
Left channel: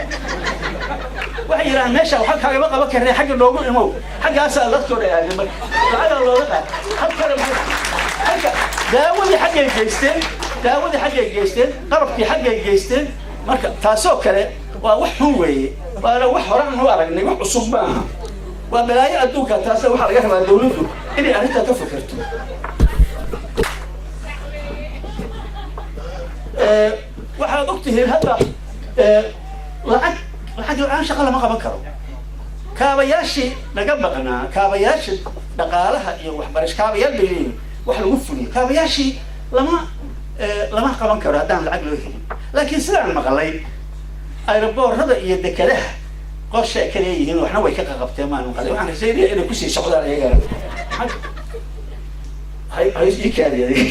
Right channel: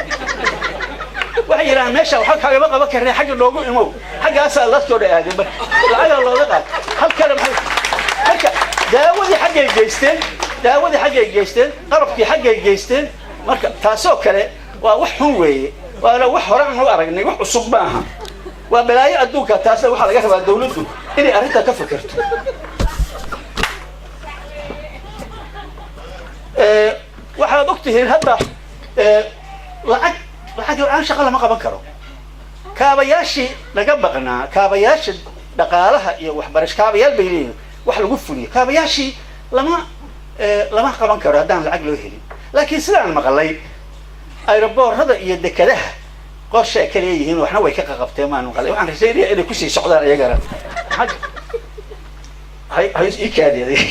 waxay yiraahdeen meesha waxa kaaga qaban karnaa xagga loogu imow xaggaas la soo dhaadeen lacag looga qaad halka halka daawadii xaggay geysteen qarabkii xaggay geysteen marka taasoo kale waa wax xun weeye waa wax horaan u aragnay wax cusub maaha waa balaayo adduunka taas waxa laga rabaa dawladdu inay arrinta ka fikirto waxaad ogtihiin hadda lacag aan shaqo lama qaban karo kaabayaashii laga baqnaa kaabayaasha dhaqaalaha iyo waxbarasho kaabayaal bay leeyihiin wax lagu fuliyo kaabayaashii lama qaban karo haddaan lacag loo helin laakiin sidaan maqalay aeroboorada iyo dekadaha qorshe ka leeyihiin waxna way ka qaqabteen maan maqalay waxaan rajaynayaa inay kusii socdaan iyagana hay ii kaadiyay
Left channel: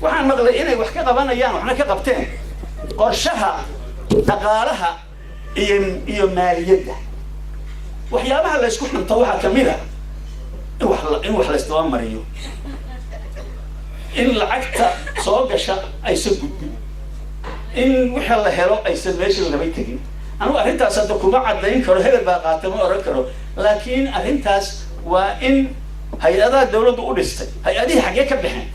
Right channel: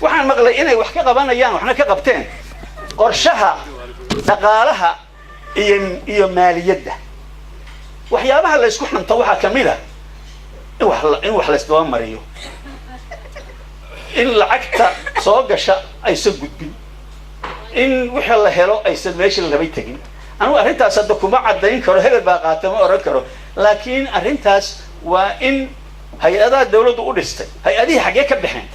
waxaan maqlay inay wax ka qabanayaan waxna ka qabteen qorshaha dhaqaalaha iyo maaliyadda waxyaabaha la isku xunto waxaa kamid ah in wax la isdaba mariyo in lacagta soo gasha aysan gudbin in wixii la helo aysan meeshii la rabay tegin anigu arrintaas hadda kuma caddayn karo hebel baa qaata ma oran karo laakiin arrintaas waa in hay-adaha dawladdu u dhistay hay-adihii xaggee ka baxeen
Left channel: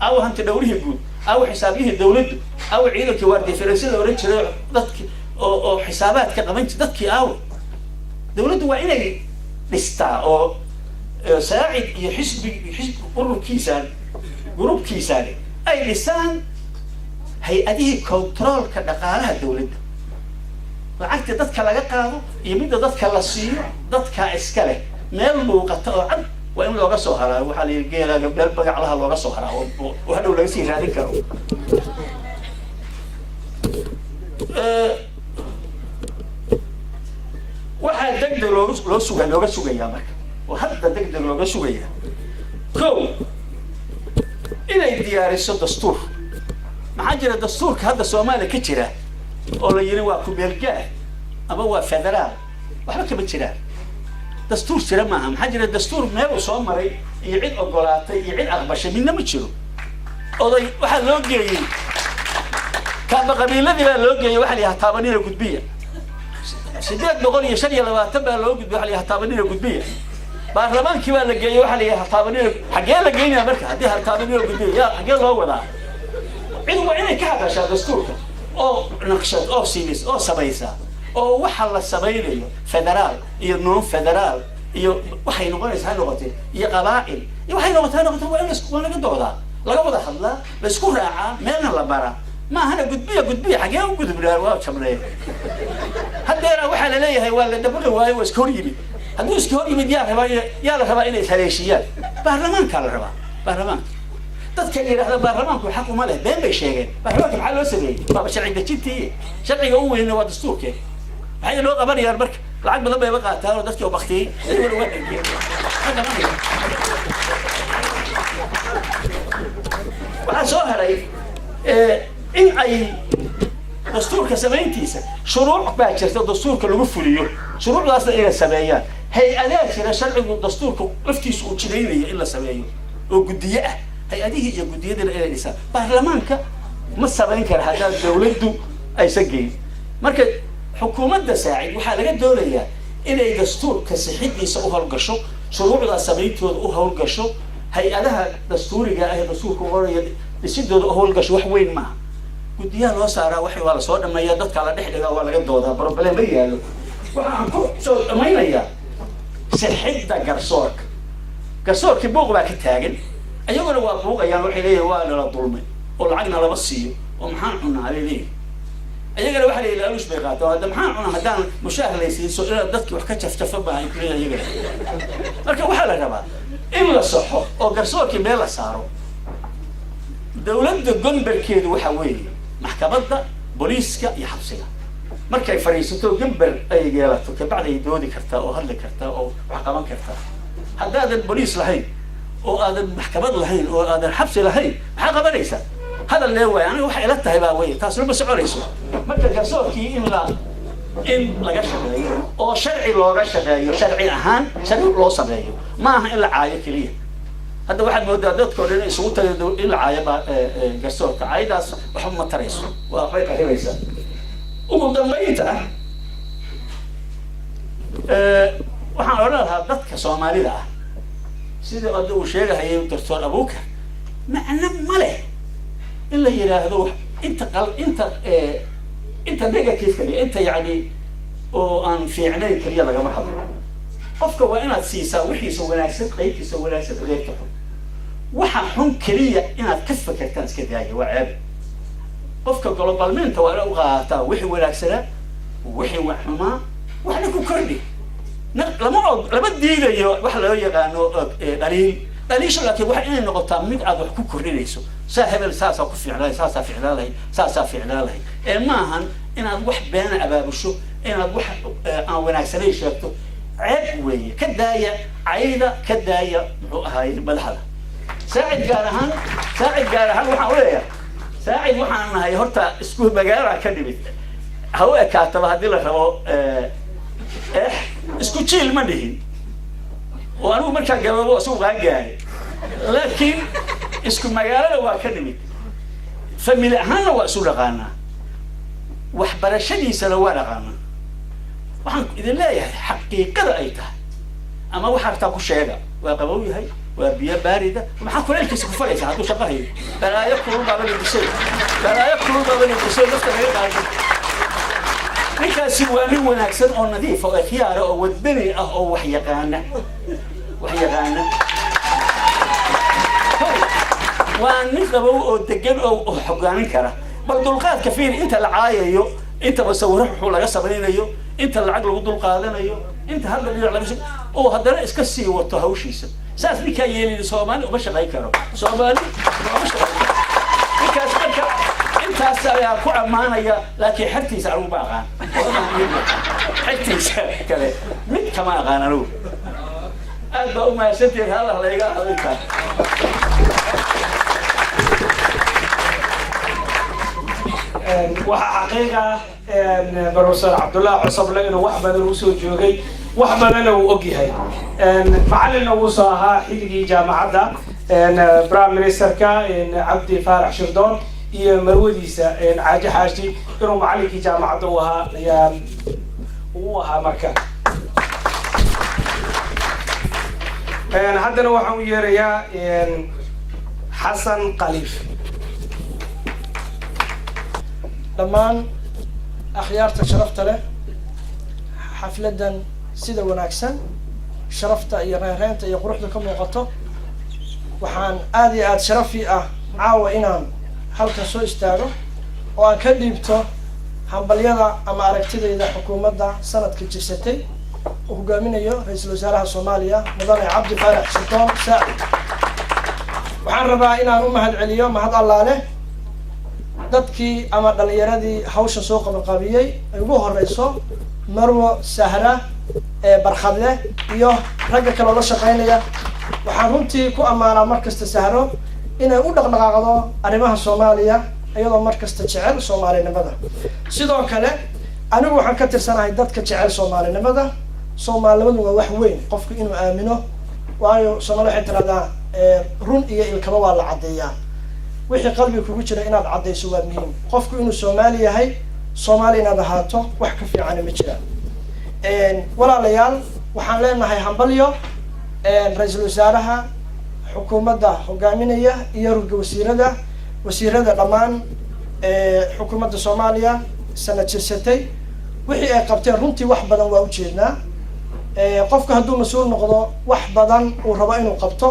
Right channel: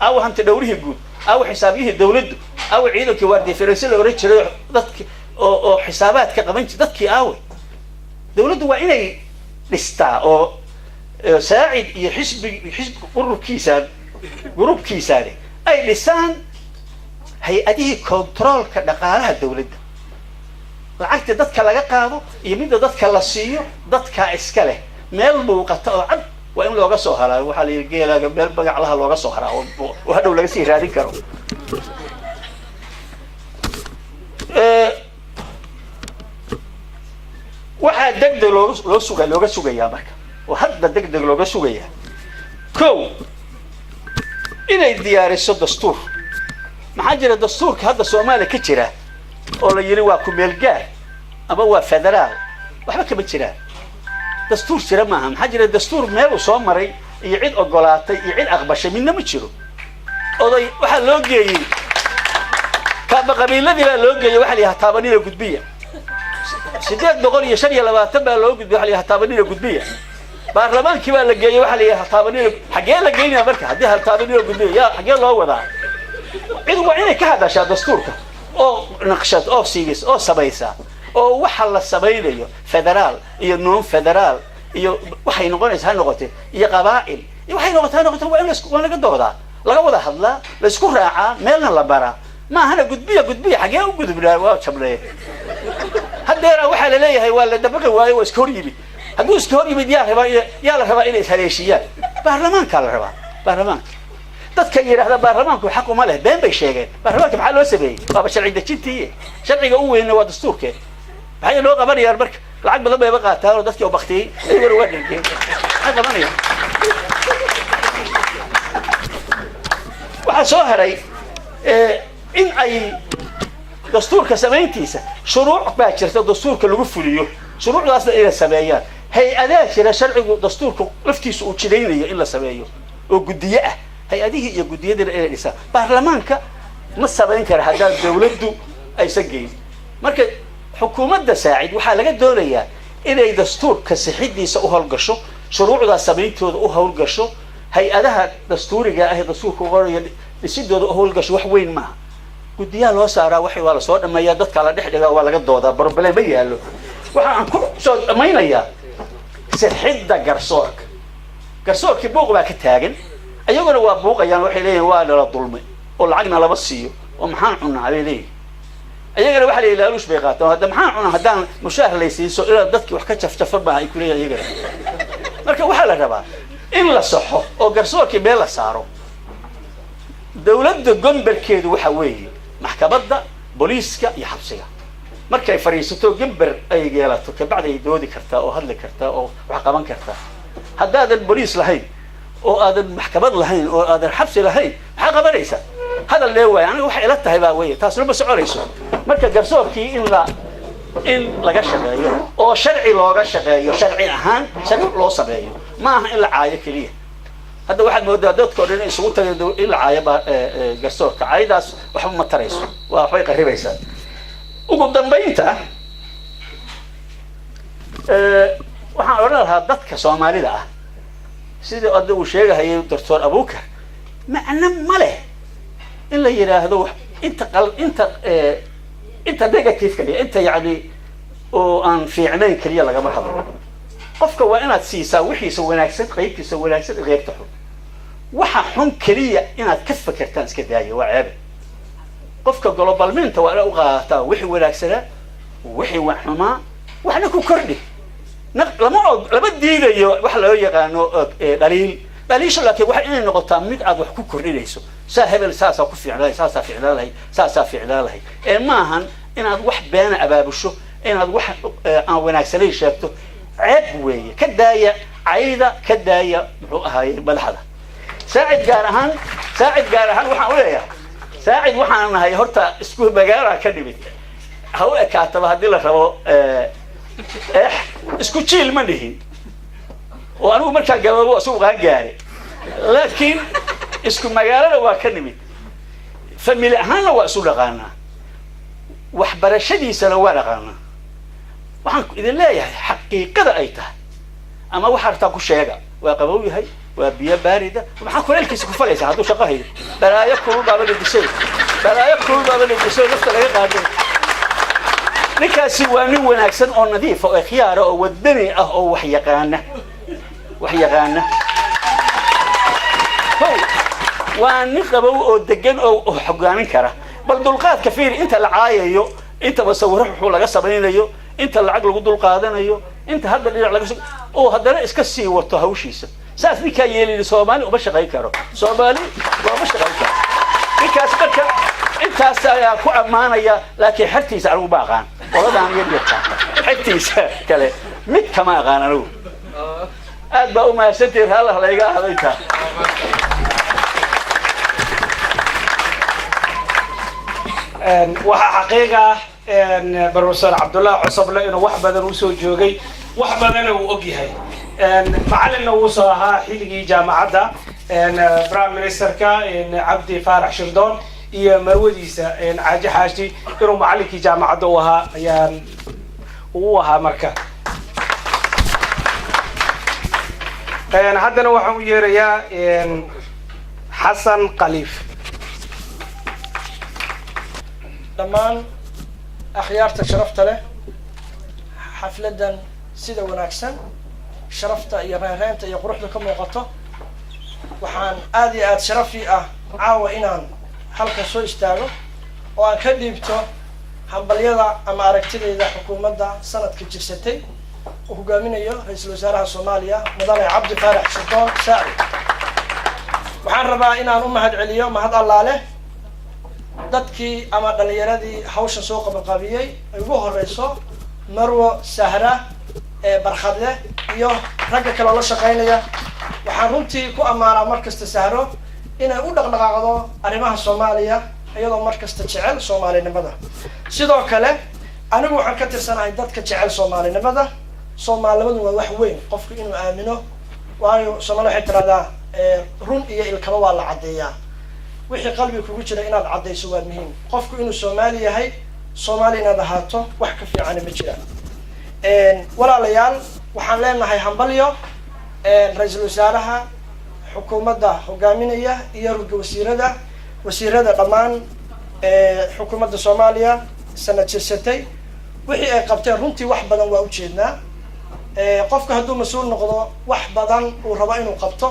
aawa hanti dhawrihii guud aawa xisaabyihii dawladdu aawa ciidankii waardiferensi la oran jiray dadki oo xisaabaadka qaban jiray dadkii aawe dawladdu waa inay dhistaa oo saacid iyo xisbi ururkiisaan ay dhisaan hay-adihii controolka dhaqaalaha dawladda lacagta dadka laga qaado iyo midda dadka la siiyo dadkaa iska leh meel muuqata oo cad waa in looga soo haraa waxaa la yidhi geelaaga meel bagaclaha looga soo haraa oo hadhow laga sii raadin karo waxaa degdeg looga sugayaa marka oo hadda degdeg looga sugayaa ko inay diyaariso dastuur maxaa jira dastuurka hadda soomaaliya ka jira oo la yidhi waa ku-meel gaar ama waa federaal waxba kama jiraan dastuur jira maaha maxaa jira dastuur meel uu soo maray iyo cid ogolaatay iyo cid aqbashay midna ma jiro oday waxaa loo geeyey kaaba qabiiladii baa loo geeyey waxaa la yidhaha taabanina gudbiya 825 baa loo gudbiyey waxaa la yidhaha taabanina gudbiya baarlamaankii baa la geeyey waxaa la yidhaha taabanina xaggee la geynaya marka haddii taabanina gudbiya yaa xaggee loo wadaa cid waa inay ka hadashaa dastuurka oo naqshad oo siibis oo samaysa oo waxa la samaynayo federaal iyo non federaal iyo waxay noqonaysaa noqotay iyo qabaa'il iyo waxay noqotay waa in la laga doodaa laga wada hadlaa la isku raacaa meelna la baraa ma ahana gudbiya xaggee u gudubnaa waa jabnee haddeera waxaa la leeyahay waa la dabaqi waayo waa iska hor yimid hadduu iska hor yimid yaa la rabaa inay ishaleeshiyaan baarlamaankaa la rabaa baarlamaanka dadka yidhaahda baarlamaanku xaq uma leh been bay sheegeen baarlamaanka maxaa loo sameeyey waaba sharci dejintii sharciga u weynna waa dastuurkee maxay loo qabanayaan marka lacag badan bayba qaataan oo dadkii oo baktiyey ayaguna waa dhergeen maxay qabanayaan waxaa soo haray in ay dastuurka samayntiisa shuruuc baa jirta dastuurka lagu fuliyo shuruucdaasna inay sameeyaan hay-adaa jira sharcigu dastuurka laftiisa uu jidaynaya in la sameeyo oo guddiye ah hay-adihii iyo guddiyadiina inay dhisaan baarlamaanka ma samayn kara haddaan dawladdu aysan geyn marka xukuumadda saacid waxaa laga doonayaa inay dastuurka sixidiisa u howlgasho shuruucdaa samayntooda u howlgasho hay-adaha dastuuriga ah ee dastuurka qoraya dhisidooda u howlgasho wax weyn maaha guddiyaha loo saaraa waa lasoo dhameeyaa dadka la dhex dhigaa waa laga doodaa problem ma yaallo waxa aan ku soo dhamaynayaa sixidda garsoorkii buuq baa ka taagan ayaguna waa buuqayaan waxay leeyihin waa nala dulmay oo lacagna lama siiyo oo maxaan cunaa bay leeyihin ayagana waxa la yidhi laaluush bay qaataan hadda maxaan cunaa haddaan mushaar laysiiso inaad dadkii wax ka jafjafa maaha ay kuleeyihin ayagana marka waxaa la rabaa in la saxo oo garsoorkii meel la saaro dawladda gomberkeedu waxa weeye maxkamadda booliiska iyo xabsiga markay fadhiisato gamber ay yeelato kabacdi ay doodi kartaa oo hadli kartaa oo wax qaban kartaa haddaadan booliis lahayn oo aadan maxkamad lahayn oo aadan xabsi lahayn maxaa qabanaysaa hadal lee waaya aniga waxay ila tahay baa weye taasna ma soconayso marka garsoorkii in laga shaqeeyo oo sharci looga shaqeeyo sharci ahaan sharci loo sameeyo ma aha in la caayo keliya hadda waxaad moodaa dadkao dhan isugu tagay in la caayo garsoorka caayadaas waxba ma tarayso waxbay qaribaysaa ugu dambaynta waxaan odhan lahaa dadka soomaalida ah sidii hadda uu sheegahayay doctor abukar macno ma leh in la yidhaahdo inta negative kaliya inta yani oo aan fiicnayn keliya lagama hadlo qofka waa inaad siisaa wixiisa wanaagsan qaybtiisa wanaagsan qeybta xun waxa xun keliya inaad ka fakertaan iska daaya waa ceeb qofka globalmenta waa inaad u qaadataa wixii wanaagsanaa wixii wax xumaa waxna ku kordhi lama diidayo wax loo yaqaano dhaliisha laakiin waxa inay noqotaa mid aad wax ku kordhinayso saa hebel saasaa ku fiicnaa saasaa fiicnaa lahay saasaa fiicnaa lahay maahan inaad wax beena abaabusho inaad wax aan wanaagsanayn sheegto ceeb weeye ka daaya cayda ka daaya muxuu ahaayey madaxda saacid gaar ahaan waxaan u leeyahay saacid waxaan nahay horta isku magaalada ka dhimid ha u ekaataba haddii la rabo isku jiil ma dhihin oo anigu markaa gababo isagu qaan gaaray laakiin isku magaalada waa ka nimid family ahaanna waa isu dhaqaanaa waxbarashadiisana waa dhaqaanaa waxaan idin leeyahay xaqiiqada ay tahay ama waxa artaa ku sheega waa qabow yahay waa biyo baarida maxaa kuleelkiisa ku falaysaa hadduu shaqo hayo balaayo kulul baaba la disay nafta laga qaado ninkaasi waa nin wanaagsan oo nadiif oo khiyaara oo wadani ah oo wax yaqaana waa nin qabow oo degan oo hogaamin kara bal dulqaadka fiir inta la caayayo inta masawiro wuxuu laga samaynayo inta lacag lagu dulqaadanayo inta hadda dhinac laga oo haddana iska sii wato hawshiisa saas ninkaa yeelin Soomaali uma shaqayn karo ninkaas marka intaas ayaa ku ammaanaya laakiin xirtiisa anigu ma aqaan qoladaan yeelka xirtiisa kale mid kama aqaan anigu aad baa u mahadsantihiin hal la iga hadlayta waxa xaqiiqa Professor Abdullah Cusable inuu wax badan u soo joogay wax badan uu og yahay macallin uu soo ahaa xilligii jaamacadda Prime Ministerka Cabdi Faarax Shirdoon iyo marwadiisa Caaji Xaashi inuu macallinkii jaamacadda uu ahaa marka haddana waxaan u yeerayaa Xasan Khaliif dhammaan akhyaarta sharafta leh xafladan sida wanaagsan sharafta iyo reereenta iyo quruxda ka muuqato waxaan aad iyo aad sharafi ah caawa inaan halka soo istaago oo aan ka dhiibto hambalyada ama aragtidayda xukuumadda sanadka jirsatay oo hogaaminayo ra-iisul wasaaraha Soomaaliya mudane Cabdi Faarax Shirdoon Saacid waxaan rabaa inaan u mahadceliyo mahad allaale dadkii ama dhalinyaradii hawshan soo qabanqaabiyey ay ugu horeyso Marwo Sahra Barkhadle iyo ragga kale oo la shaqeynaya waxaan runtii ku amaanaa markasta Sahro inay u dhaqdhaqaaqdo arrimaha Soomaaliya iyadoo markasta jecel Soomaalinimada sidoo kale anigu waxaan ka tirsanahay dadka jecel Soomaalinimada Soomaalinimadu waa wax weyn qofku inuu aamino waayo Soomaali waxay tiraahdaa run iyo ilkaba waa la cadeeyaa wixii qalbiga kugu jira inaad cadeyso waa muhiim qofku inuu Soomaali yahay Soomaali inaad ahaato wax ka fiican ma jiraan walaalayaal waxaan leenahay hambalyo ra-iisul wasaaraha xukuumadda hogaaminaya iyo wasiirada dhammaan xukuumadda Soomaaliya sanad jirsatay wixii ay qabteen runtii wax badan waa u jeednaa qofka hadduu mas'uul noqdo wax badan uu rabo inuu qabto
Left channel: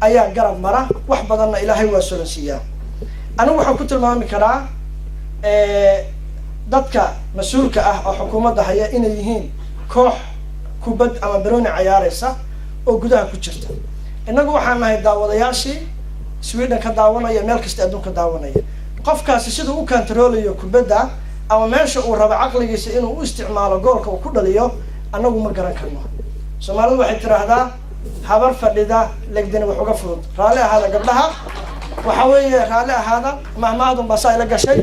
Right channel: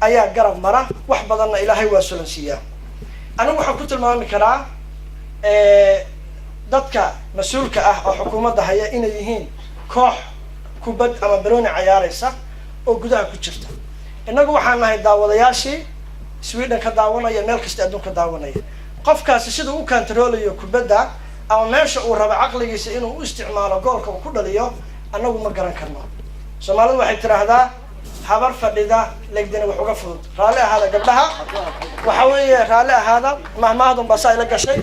ayaa garab mara wax badanna ilaahay waa sulansiiyaa anigu waxaan ku tilmaami karaa dadka mas'uulka ah oo xukuumadda haya inay yihiin koox kubad ama barooni ciyaaraysa oo gudaha ku jirta innagu waxaan nahay daawadayaashii Sweden ka daawanaya meel kasta adduunka daawanaya qofkaasi siduu u kantaroolayo kubadda ama meesha uu rabo caqligiisa inuu u isticmaalo goolka uu ku dhaliyo annagu ma garan karno Soomaalidu waxay tiraahdaa habar fadhida legdina wax uga fudud raali ahaada gabdhaha waxa weeye raali ahaada mahmaadun baa ila gashay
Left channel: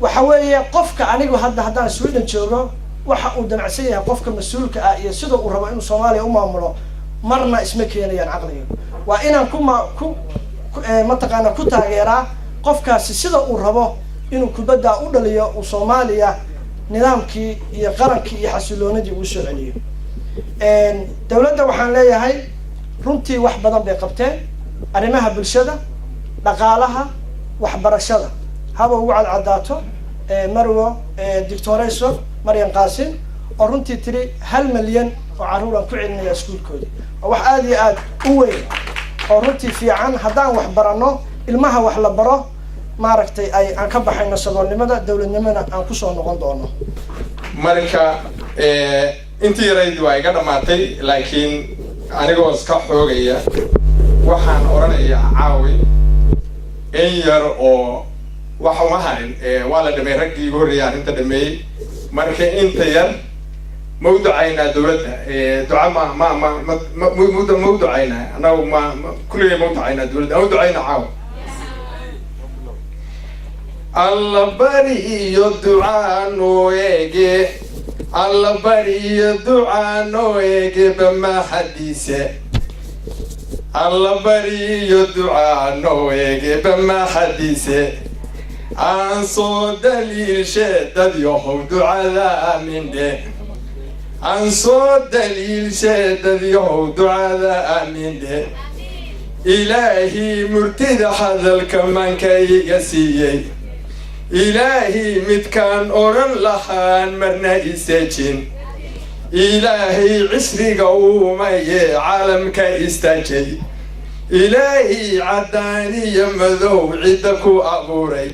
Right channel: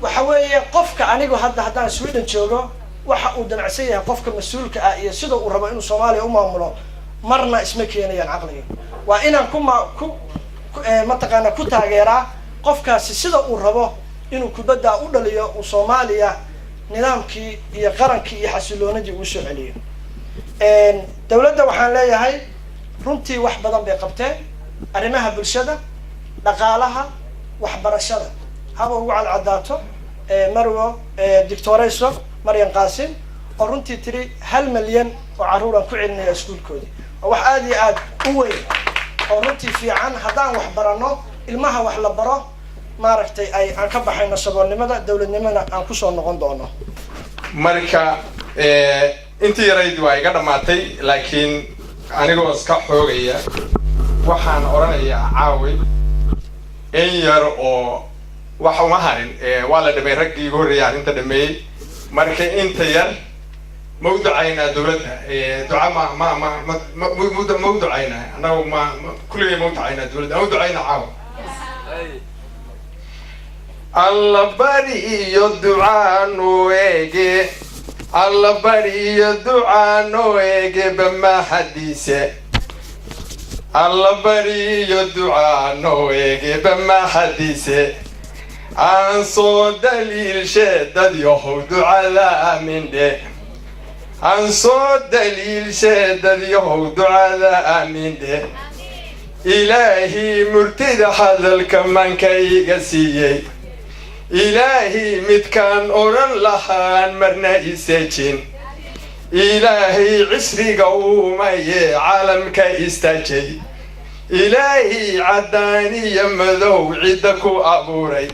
waxa weeye qofka anigu haddaan Sweden joogo waxa uu damacsan yahay qofka mas'uulka ah iyo sida uu rabo inuu Soomaaliya u maamulo marna isma keenayaan caqliga waa inaan ku taageeraa qofkaasi sida uu rabo inuu kubadda u dhaliyo uu Soomaaliya nidaamkii iyo qarankii iyo xasiloonidii uu soo celiyo dawladda waxaan leeyahay runtii wax badan bay qabteen arrimaha bulshada dhaqaalaha waxbarashada haba ugu cadcadaato Marwo Dictorayso Maryan Qaasim oo runtii tiri 1 milyan oo caruur aan ku celinaya iskuulkoodii wax aad iyo aad u weyn oo runtii fiican haddaan wax barano ilmaha wax la baro maaragtay aan ka baxayno saboolnimada dawladnimada aan ku soo noqon doono marka intii yarayd waa iga dhammaatay laakiin anigoo iska xoogaya waxaan oranayaa caawi in yar oo wax uma harin waa la dhamay raggii ugu horreeyay arrinta dhameeyey marka inta yar ma u ducaynaa dowladda duca ma u ducaynaa annagu kulligay ma u ducaynaa dowladda ama u ducaynaa caawa alla bari iyo ducaa noo eege alla bari iyo ducaa noo eege bamahadiise alla bari iyo ducaa noo eege bamahadiise aan soo daliilshe dad yahow ducada aamindhe aan soo daliilshe dad yahow ducada aamindhe ilaahii murtida hadalka manka iga siiyey ilaahii midkaan odhan lahaan marna isejin ilaahay cisriga uumaye caalamka istaajay ilaahii caddaan iyo madow cidda ku abuuray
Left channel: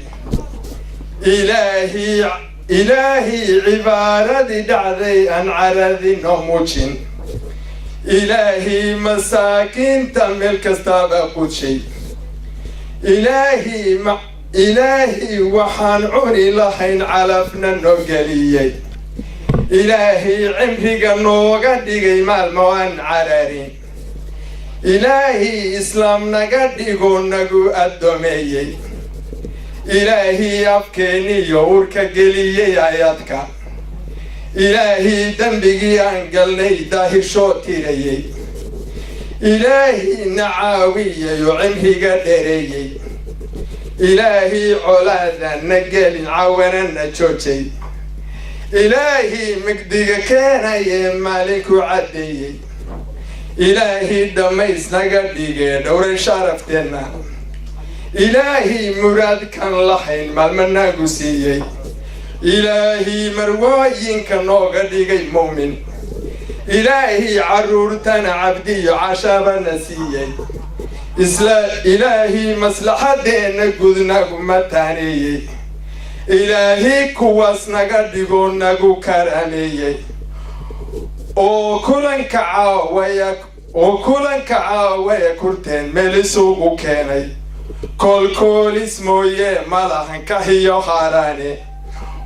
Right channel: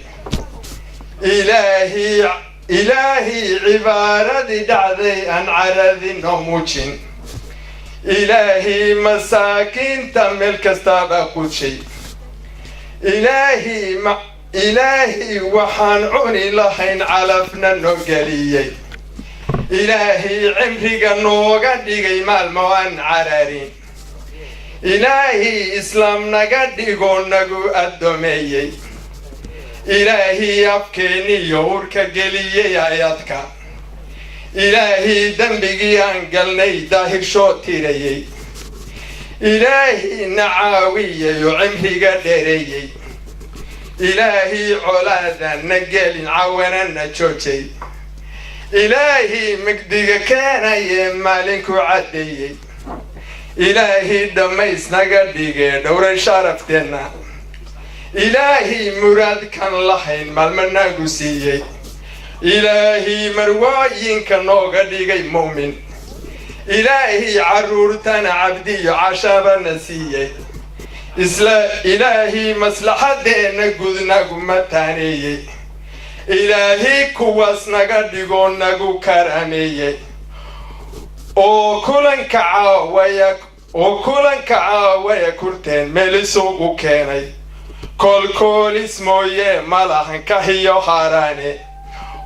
ilaahii cibaaradii dhacday aan caradino muujin ilaahii masaakiinta meel kastaaba qudshay ilaahii waxaan cuni lahayn calafna noo geliyey ilaahii cimriga nooga dhigay maalmo aan cararin ilaahii islaam naga dhigo nagu addoomeeyey ilaahii afkeeniyo urka geliyey ayadka ilaahii dembigii aan galnay daahirshoo tirayey ilaahii na caawiyey oo cimriga dhereeyey ilaahii colaadan na gelin cawana na joojay ilaahii migdiga keenaye maalinku caddeeyey ilaahii dhammays naga dhigee dhowray sharafteenna ilaahii muraadkan lahayn maalma nagu siiyey ilaahii marwooyinka nooga dhigay mu'min ilaahii carruurtana cabdiyo cashabana siiyey ilaahii maslaxadeenna gud nagu mataaneeyey ilaahii kuwaas naga dhigoo nagu karaameeyey oo kulanka caawaya kurteen meel isugu keenay koolkoolis mooye malahan kahiyo haaraane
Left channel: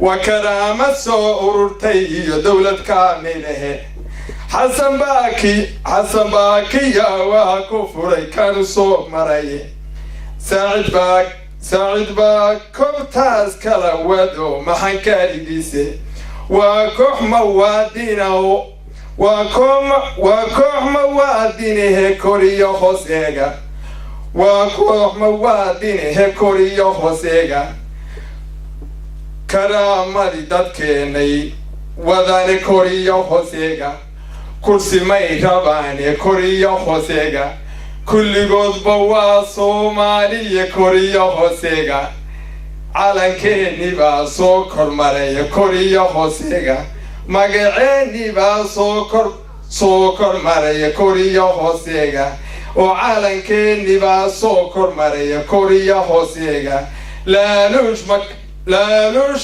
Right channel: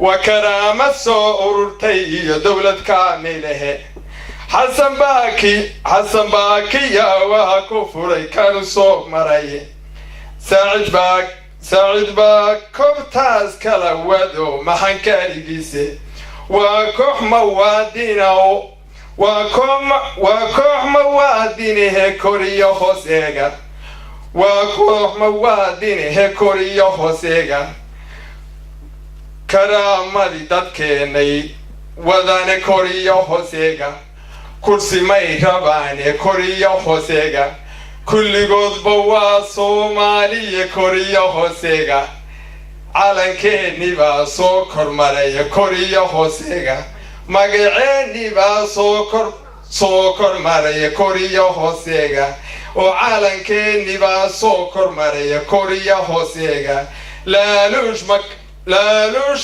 waa karaamad soo ururtay iyo dowlad kaamilehe xasan baakiya waa ku furay kanu soo maraye saacid baa kobtaas kala wado maxankaarigiise waa koox mawaadinihe koriyo hooseega waa koox mawaadinihe koriyo hooseega karaamadii dadkeenay wadane koriyo hooseega kursi may rabaane koriyo hooseega kulligoodba waa soomaaliya koriyo hooseega calankeennii baa soo kormaraya koriyo hooseega magaceennii baa soo kormaraya koriyo hooseega oo calankeennii baa soo kormaraya koriyo hooseega laaluush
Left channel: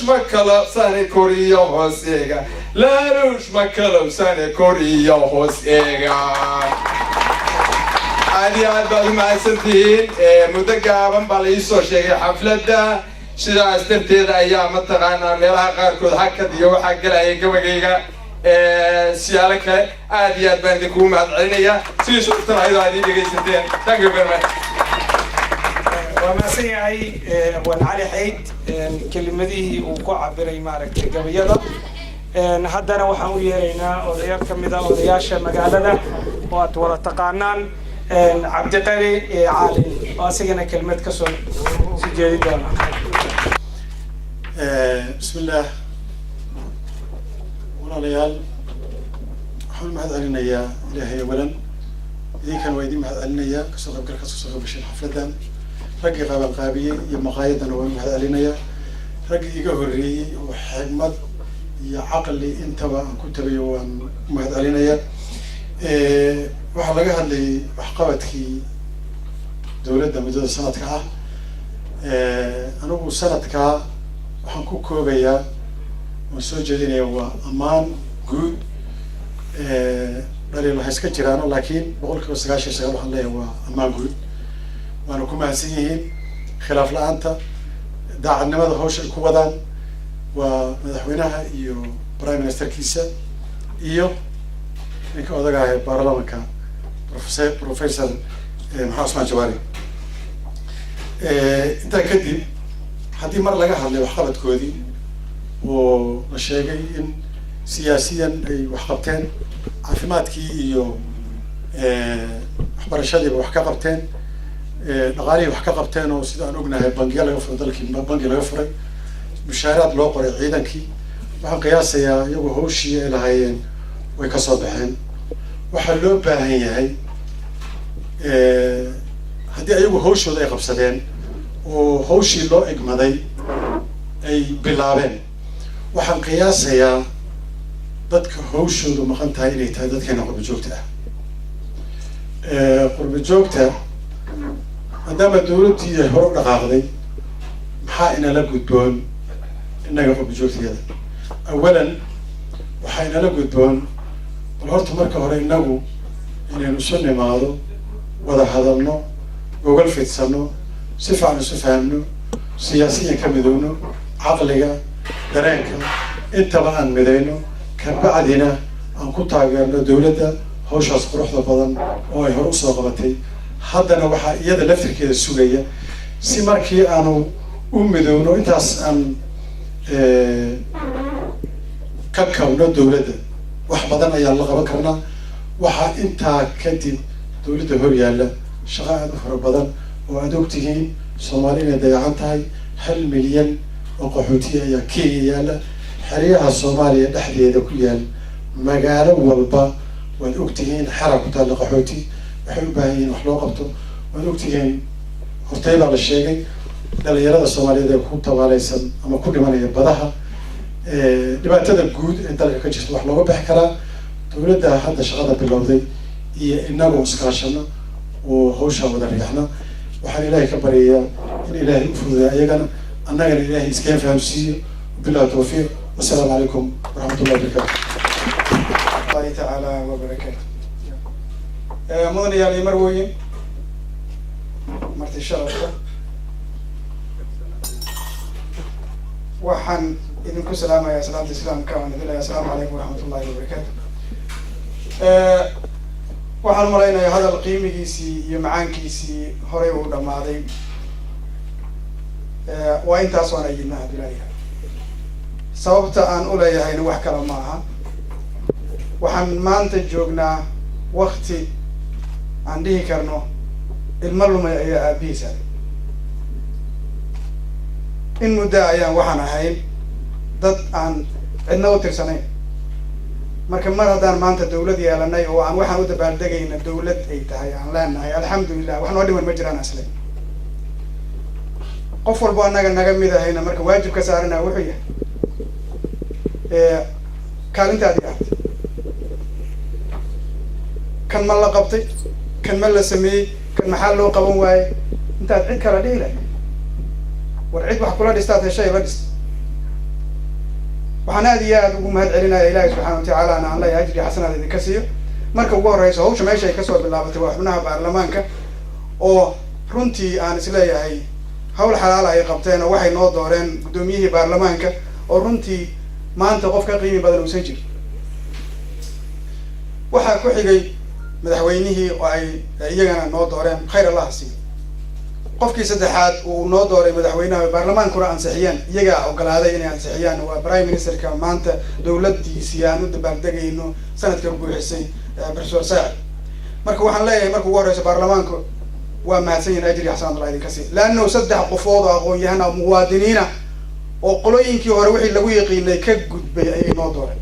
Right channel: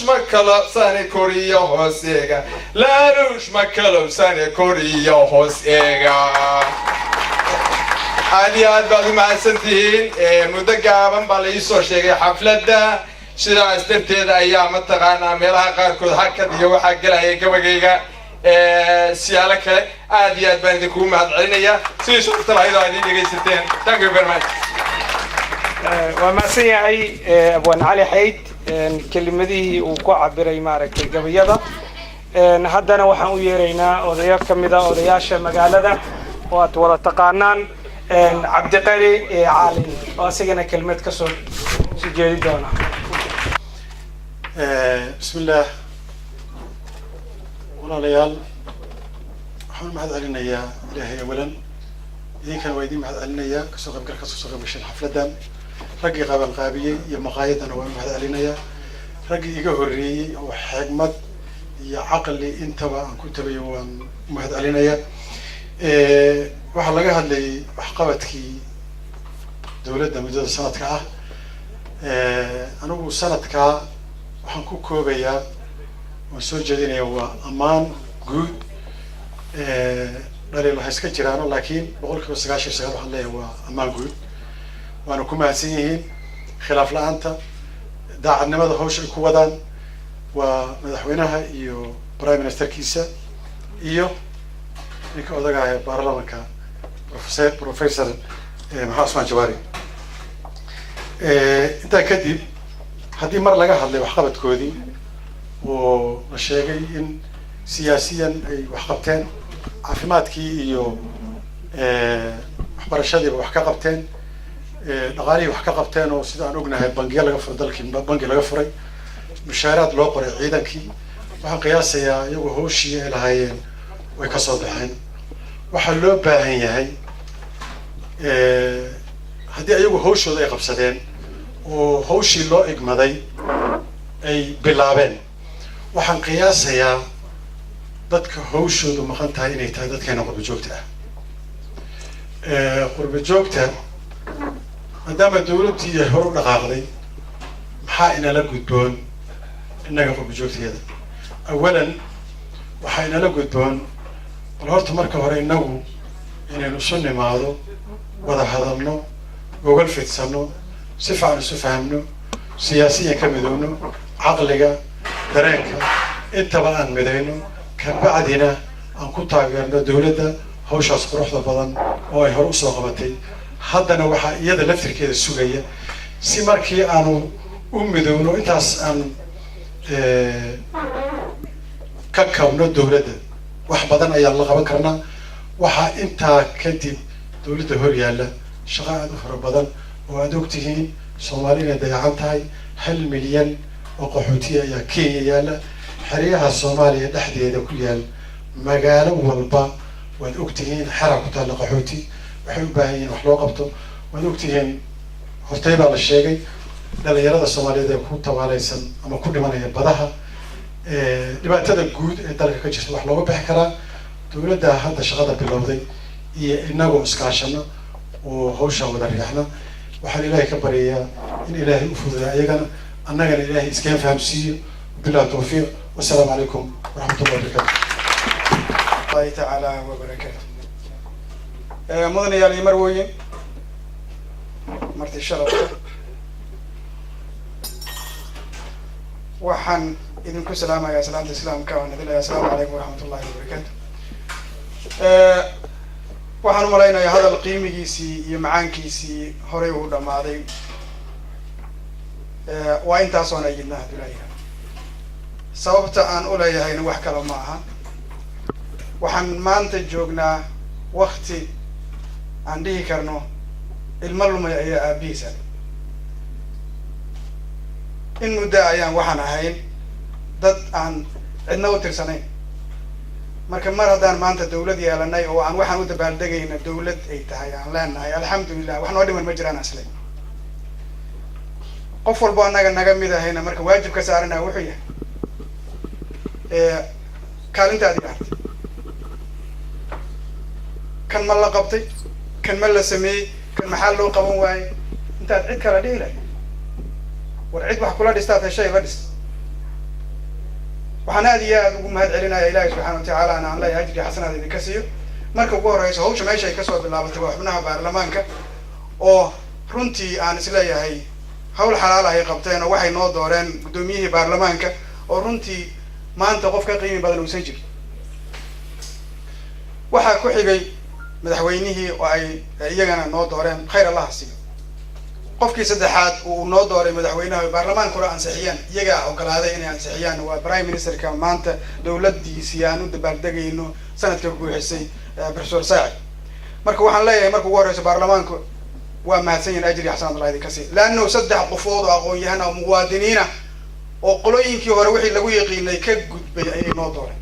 ma kalabsane koriyo hooseega laaluush ma kalabsane koriyo hooseega aad iyo aad baad u mahadsantihiin muddo gaaban baa la iisoo sheegay xafladda sidaas darteeda ayaa mataqaanaa meelaha qaarkood hakad iyo waxaa gelaya gabagayga siyaalo kale aad iyo aad baan idinkugu mahad celinayaa sidii suurta lahayd oo aad ii dhegaysateen thank you very much waa mahadsan yahay abwaan cali xayd kelimadihii uu ku cabiray maaragtay gabayada haddana waxaan u yeeraynaa odayo ka mid ah odayaasha magaalada oo aad wada taqaanaan cabdiqali caalin oo asigana kelmad ka soo jeedi doona bismillaah walaalayaal waxaan mahad celinayaa ilaahay awalan idinkan waa idin mahad celinayaa kasoo qaybgal kasoo qaybgashan xafladan raggii qabanqaabiyey iyo maqaayadana waan mahad celinayaa raggii iga horreeyey oo xigmad iyo caqli intaba aan ku tabayo waan mahad celinayaa waxaa laga hadlayay waxqabadkii dowladda muddada sanadka ah anigu sanadkaa waxaan ku koobayaa waan soo jeedinayaa waa ammaan guud dhaliil waxay iska jiraano laakiin 99% waxaan leeyahay waa ammaan guud waana ku mahadsan yihiin khilaaf la-aanta daacadnimada hawsha ay ku wadaan waa madaxweynaha iyo prime ministerkiisa iyo ninka odaga ah ee baarlamaanka professor maxamed cusmaan jawaari intaa kadib haddii mar laga hadlay waxqabadkoodii oo la sheegay in siyaasiyan ay wax qabteen caafimaadkii iyo waxbarashadiiba wax ka qabteen dhaqaalihii wax ka qabteen oo sida aan ognahay bangiya laga furay dalkii bangi laga furay mushaaraad loo qoray ciidankii waxaan qiyaasayaa iyagu hawshii ay lahaayeen way ka soo baxeen waxaa loo baahan yahay haddii ayagu hawshooda ay qabsadeen oo hawshii loo egmaday ay bilaabeen waxaan qiyaasayaa dadka hawshoodu maqan tahay inay tahay dadkeena qurba joogta ah qurba joogta maadaama dawladdii ay hore u dhaqaaqday maxaa inala gudboon innaga qurba joogtayada awalan waxaa inala gudboon bal horta marka hore innagu inaynu isu nimaado wada hadalno gogol fidsano si fiican isu fahamno siyaasiyan ka midowno caqliga dareenka intaba aan midayno kabacdina aan ku taageerno dawladda hawshaas quruxda badan oo ay hore usoo qabatay haddana waxaa iyada laftirkeeda sugaya si markii aanu u midowno intaas aan ka kabno dawladda wax badan ayaan la qaban karnaa waxaa intaa kadib dawladda hor yaalla shaqo aada u fara badan oo aada ogtihiin soomaali inay dayacan tahay 1 milyan oo qaxootiya ayaa kenya yaalla xeryaha soomaaliya dhexdeeda ku yaal magaalo walba waad ogtihiin xera ku taalla qaxooti waxay u baahan yihiin wax loo qabto waad ogtihiin hortay baa la sheegay dhalinyarada soomaaliyeed ee ku tabaalaysan ama ku dhimanaya badaha dhibaatada guud ee dalka ka jirta wax looga bixi karaa dawladda hadda shaqada bilowday iyo inagoo iskaashano oo hawshaan wada riixna waxaan ilaahay ka baryayaa in ilaahay u fududaa ayagana annagana ilaahay iskeen fahamsiiyo billahi tawfiiq والسلام عليكم ورحمة الله وبركاته. الله تعالى وبركاته. مدن يا مرويين مرتي الشرف وحن إذنكم سلامة يا سلامة الإسلام كون يا السلام عليكم ورحمة الله وبركاته. وحن مرينا هذا القيم كيسي يمعان كيسي هري ولا ماضي وإنت أصلا جبناها بلايها. sababta aan u leeyahayna wax kale ma aha waxaan maanta joognaa waqti aan dhihi karno ilmo lumay ayaa aabihiisa in muddo ayaan waxaan ahayn dad aan cidna u tirsanayn marka mar haddaan maanta dawlad yeelanay oo aan waxaan u dabaaldegayna dawlad ay tahay aan leenahay alxamdulilah wax noo dhiman ma jiraan asle qof walbo annaga naga mid ahayna marka waajib ka saarana wuxuu yahay kaalintaadi artay kan ma la qabtay kan ma la sameeyey kan maxaa loo qaban waaye intaad cid kala dhihi lahay war cid wax kula dhistaad heshay la dhis waxaan aad iyo aad ugu mahad celinaya ilaahay subxaana watacaala aan leeyahay ajri xasanaad idinka siiyo marka ugu horeyso hawsha meesha ay kasoo bilaabatay waa xubnaha baarlamaanka oo runtii aan isleeyahay hawl xalaal ay qabteen oo waxay noo dooreen guddoomiyihii baarlamaanka oo runtii maanta qof ka qiimi badan uusan jirin waxaa ku xigay madaxweynihii oo ay iyagana noo dooreen khayr allah siiyo qofkii saddexaad uu noo dooray madaxweynaha baarlamaankuna ansixiyeen iyagaa ogolaaday inay ansixiyaan waa prime ministerka maanta dawladdiisii aan u dabaaldegayno sanadka buuxisay professor saacid marka waxaan leeyahay marka ugu horeyso baarlamaanku waa mahadsan yihin ajri xasanad allah idinka sii laanno 3 qofood oo aqoon-yahan oo muwaadiniina oo qolooyinkii hore wixii lagu yaqiinay ka gudbay ayay noo dooreen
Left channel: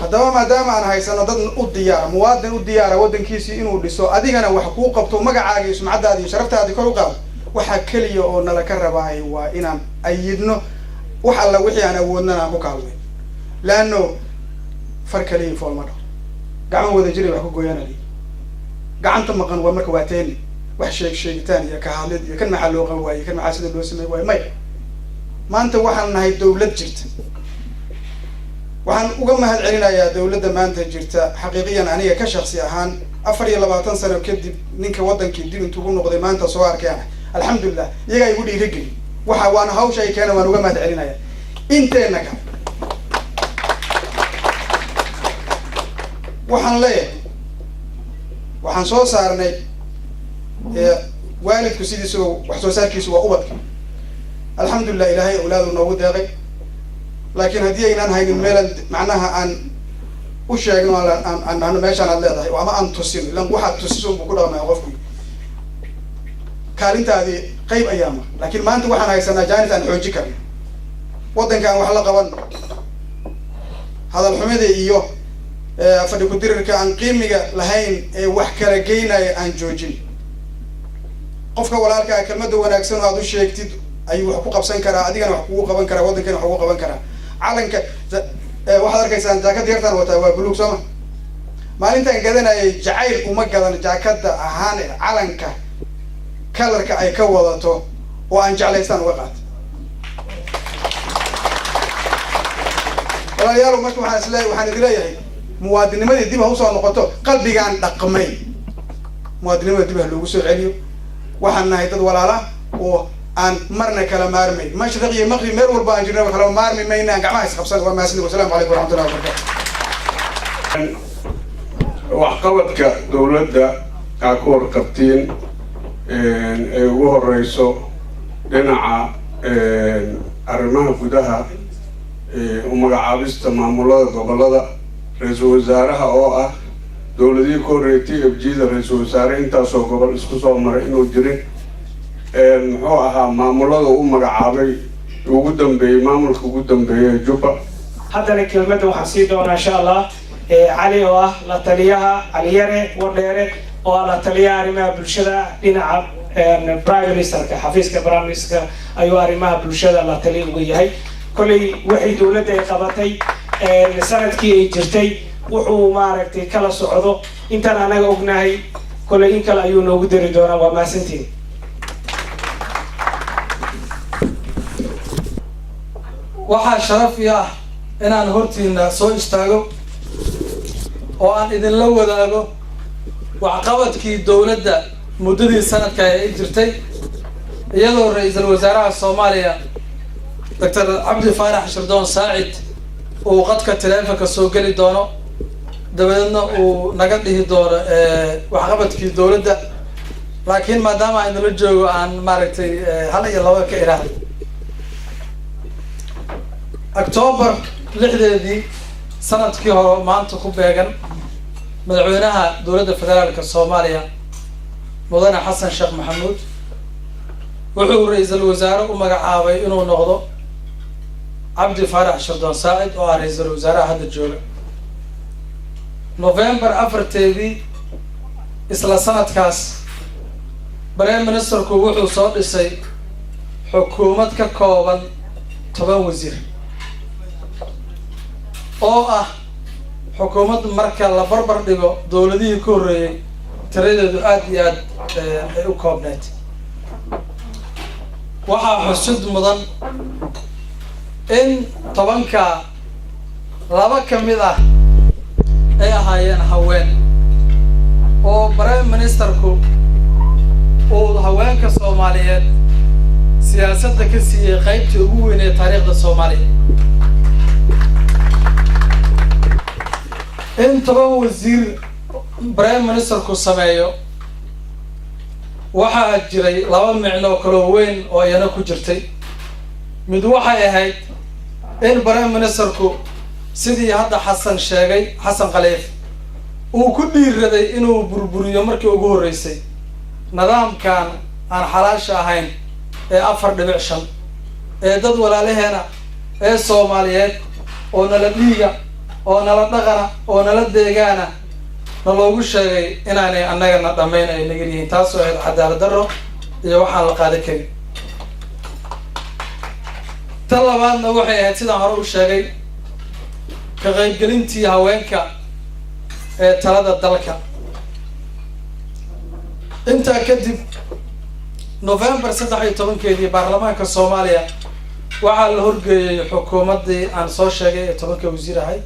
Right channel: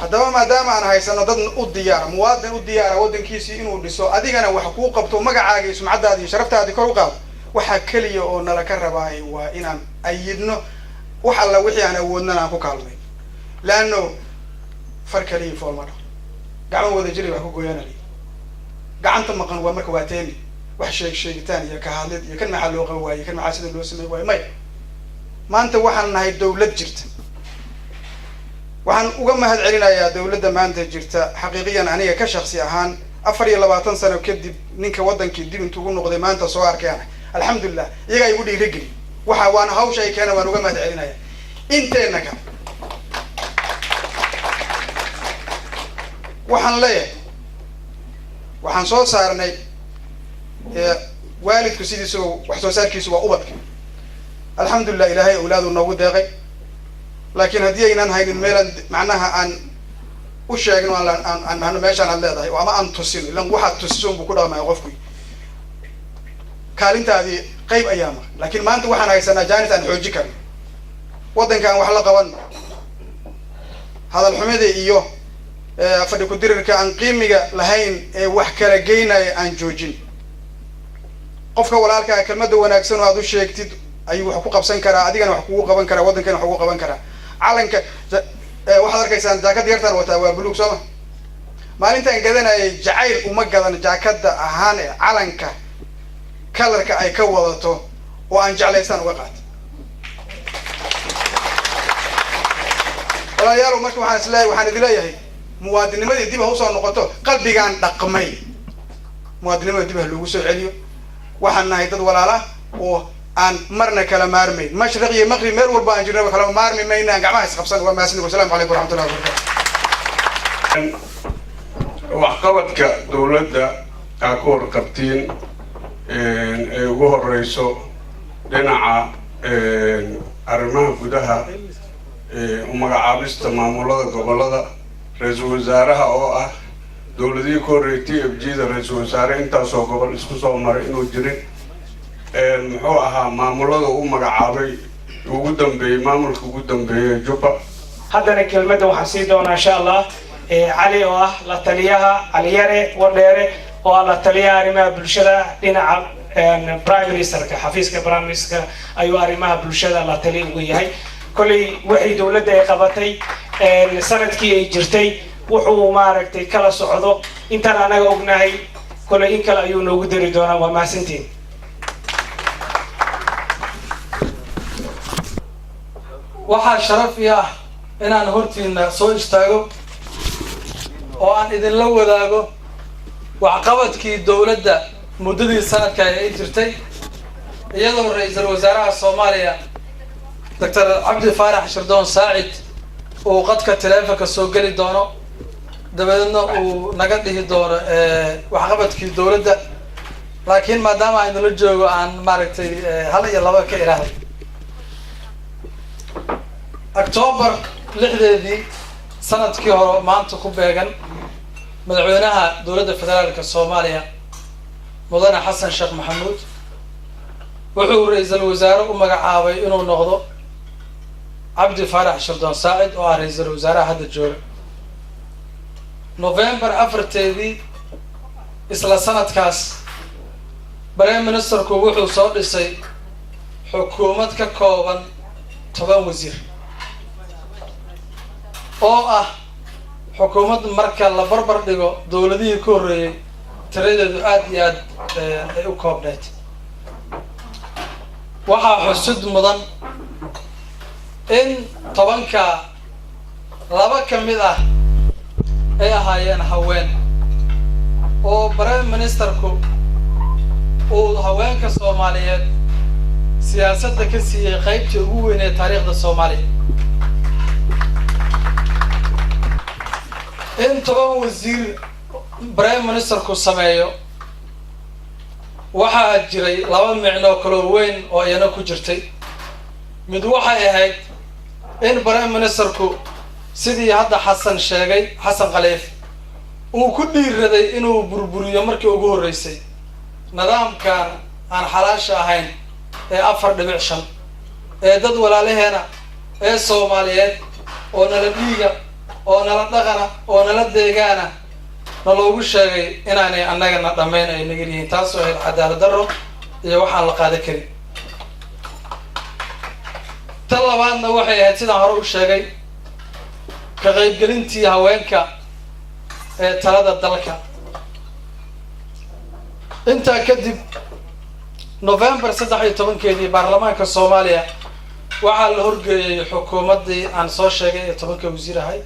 haddaba maadaama aan haysano dad u diyaara muwaadin u diyaara waddankiisii inuu dhiso adigana wax kuu qabto magacaaga iyo sumcaddaadi iyo sharaftaadii kor u qaado waxaa keliya oo nala ka rabaahay waa inaan ayidno wax alla wixii aan awoodnana aan ku kaalmay laanno far kaliya fool ma dhaho gacmo wada jiray wax ku gooyaanali gacanta maqan waa marka waa teeni wax sheegitaan iyo ka hadlid iyo kan maxaa loo qaban waaye kan maxaa sida loo sameey waaye maya maanta waxaan nahay dawlad jirta waxaan uga mahad celinayaa dawladda maanta jirta xaqiiqiyan aniga ka shaksi ahaan 24 sano kadib ninka wadankii dib intuu ugu noqday maanta soo arkayana alxamdulillah iyaga igu dhiirigeli waxa waan hawsha ay keenay waan uga mahad celinayaa inteena ka waxaan leeyahay waxaan soo saarnay waalidku sidiisu wax soo saarkiisu waa ubadka alxamdulillah ilaahay awlaadu noogu deeqay laakiin haddii aynaan haynin meelan macnaha aan u sheegno aan meeshaan aad leedahay ama aan tusin ilan waxaad tusiso buu ku dhaqmaya qofku kaalintaadii qayb ayaa mar laakiin maanta waxaan haysanaa jaanis aan xooji karno waddanka aan wax la qabanno hadal xumida iyo fadhi ku dirirka aan qiimiga lahayn ee wax kala geynaya aan joojin qofka walaalkaa kelmadda wanaagsan oo aad u sheegtid ayuu wax ku qabsan karaa adigana wax kugu qaban karaa waddankana wax kugu qaban karaa calanka waxaad arkaysaan jaakad yartaan wataa waa buluug sooma maalintaan gadanayay jacayl uma gadan jaakada ahaan ee calanka kalarka ay ka wadato oo aan jeclaystaan uga qaato walaalayaal marka waxaan idin leeyahay muwaadinimadii dib ha usoo noqoto qalbigaan dhaqmay muwaadinimada dib ha loogu soo celiyo waxaan nahay dad walaala oo aan marna kala maarmayn mashriq iyo maqrib meel walba aan jirnaba kala maarmi mayna aan gacmaha isqabsan waa mahadsanid wasalaamu calaykum waraxmatullahi wabarakatu waxqabadka dawladda aa ku warqabtiin ay ugu horeyso dhinaca arrimaha gudaha magacaabista maamulada gobolada ra-iisul wasaaraha oo ah dawladihii ka horreeyay TFG-da ra-iisul wasaare intaasoo gobol isku soo maray inuu jirin muxuu ahaa maamulada u magacaabay ugu dambeeyey maamulka ugu dambeeyay Jubba haddana kelmadda waxaan sii doonaa insha Allah cali oo ah la taliyaha cali yare wadheere oo ah la taliyaha arrimaha bulshada dhinaca prime ministerka xafiiska prime ministerka ayuu arrimaha bulshada la taliya uga yahay kolley waxay dawladda ay qabatay sanadkii ay jirtay wuxuu maaragtay kala socdo intaan anaga ognahay kolley in kale ayuu noogu dari doonaa waa mahadsantiin waxaa sharaf ii ah inaan hortiina soo istaago oo aan idinla wadaago waxqabadkii dawladda muddadii sanadka ay jirtay iyadoo ra-iisul wasaaraha Soomaaliya Dr. Cabdi Faarax Shirdoon Saacid uu qadka taleefanka soo geli doono dabadeedna uu naga dhihi doono waxqabadkii dawladda laakiin maadaama aynu la joogo aan maaragtay hal iyo laba ka iraaday October 6 sanadkii hore maanta ku beegan madaxweynaha dawladda federaalka Soomaaliya mudane Xasan Sheekh Maxamuud wuxuu ra-iisul wasaare u magacaabay inuu noqdo Cabdi Faarax Shirdoon Saacid oo ah ra-iisul wasaaraha hadda jooga November 4 isla sanadkaas prime ministerku wuxuu soo dhisay xukuumad ka kooban 10 wasiir oo ah xukuumad marka la barbar dhigo dawladihii ka horreeyay tiradeedu aad iyo aad ay u koobneed waxaa xusud mudan in 10ka laba ka mid ah ay ahaayeen haween oo prime ministerku uu haweenka Soomaaliyeed siyaasadda ka siiyay qaybtii ugu weyn ee taariikhda Soomaaliya in 10 wasiir prime ministerku sameeyo waxaa jiray laba micno kala weyn oo iyana ku jirtay mid waxay ahayd in prime ministerku sidii hadda Xasan sheegay Xasan Khaliif uu ku dhiiraday inuu burburiyo markii ugu horeysay nidaamkan aan xalaasha ahayn ee 4.5 ee dad walaalaheena ee Soomaaliyeed oo nala dhiiga oo nala dhaqana oo nala deegaana naloogu sheegay inaanay annagana dhammayn ay naga yihiin taasoo ahayd cadaalad darro iyo waxaan la qaadan karin tan labaadna waxay ahayd sidaan hore u sheegay ka qaybgelintii haweenka ee talada dalka intaa kadib November 13 baarlamaanka Soomaaliya waxaa la horgeeyey xukuumaddii aan soo sheegay ee 10 wasiir ahayd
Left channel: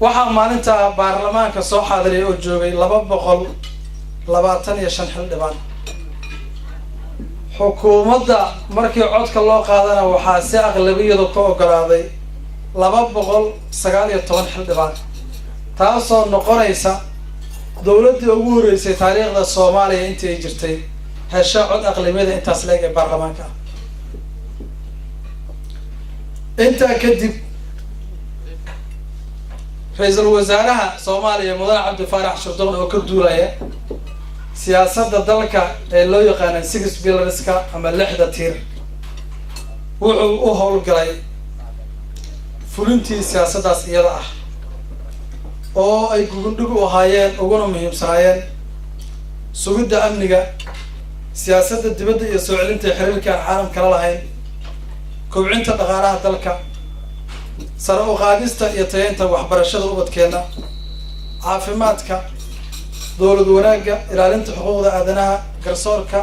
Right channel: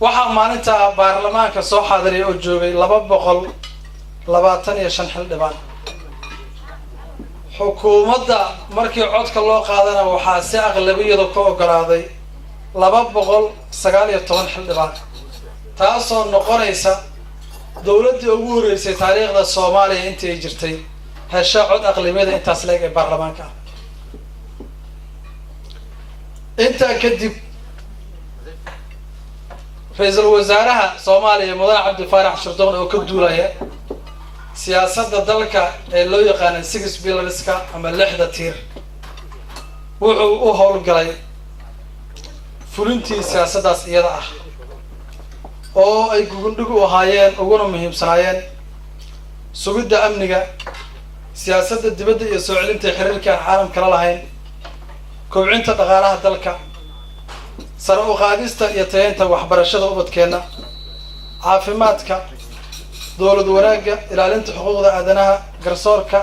waxaa maalinta baarlamaanka soo xaadiriyay oo joogay 225 xildhibaan xukuumadda markii codka loo qaadana waxaa si aqlabiyadu ka ogolaaday 219 xildhibaan taasoo noqonaysa dowladdii ugu horeysay taariikhda Soomaaliya intii ay jirtay hesha cod aqlabiyada intaas leeg ee baarlamaanka inta kadib ra'iisul wasaaraha Soomaaliya Mudane Cabdi Faarax Shirdoon oo ka duulaya siyaasadda dalka ee loo yaqaan 6 pillarska ama 6 tiir wuxuu u howlgalay fulintii siyaasaddaas iyada ah oo ay gugundhig u ahaayeen uguna muhiimsanaayeen sugidda amniga siyaasadda dibadda iyo soo celinta xiriirka aan caalamka la lahayn kobcinta dhaqaalaha dalka sare u qaadista iyo tayeynta waxbarashada ubadkeena caafimaadka dowlad wanaagga ilaalinta xuquuqda aadanaha garsoorka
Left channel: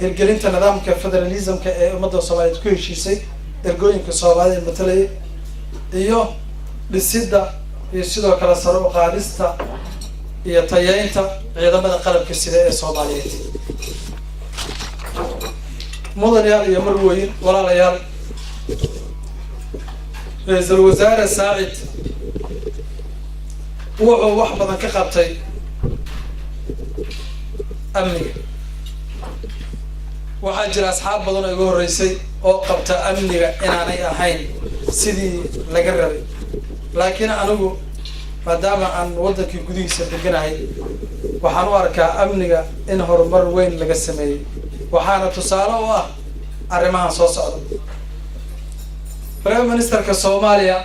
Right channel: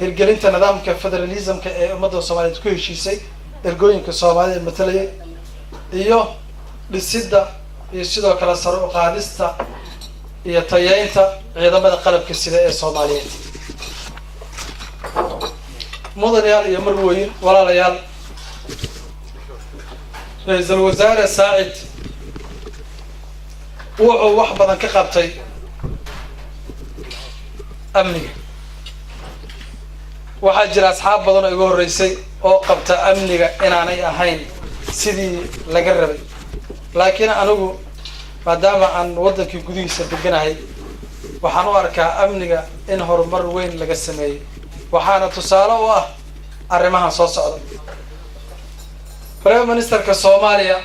hirgelinta nidaamka federalismka ee ummadda Soomaaliyeed ku heshiisay ergooyinka Soomaaliya matalayay iyo dhisidda iyo sidoo kale sare u qaadista iyo tayeynta ciidamada qalabka sida ee Soomaaliyeed mudanayaal iyo marwooyin walaalayaal ra'iisul wasaare Saacid wuxuu wax badan ka qabtay amniga waxaa jira asxaab badan oo iga horeysay oo qabta amniga inaanay ahayn sidii laga rabay laakiin anigu maadaama aan wadankii gudihiisa deganahay waxaan u arkaa amniga in horumar weyn laga sameeyay waxaana tusaale u ah arrimahan soo socda Prime Ministerka Soomaaliya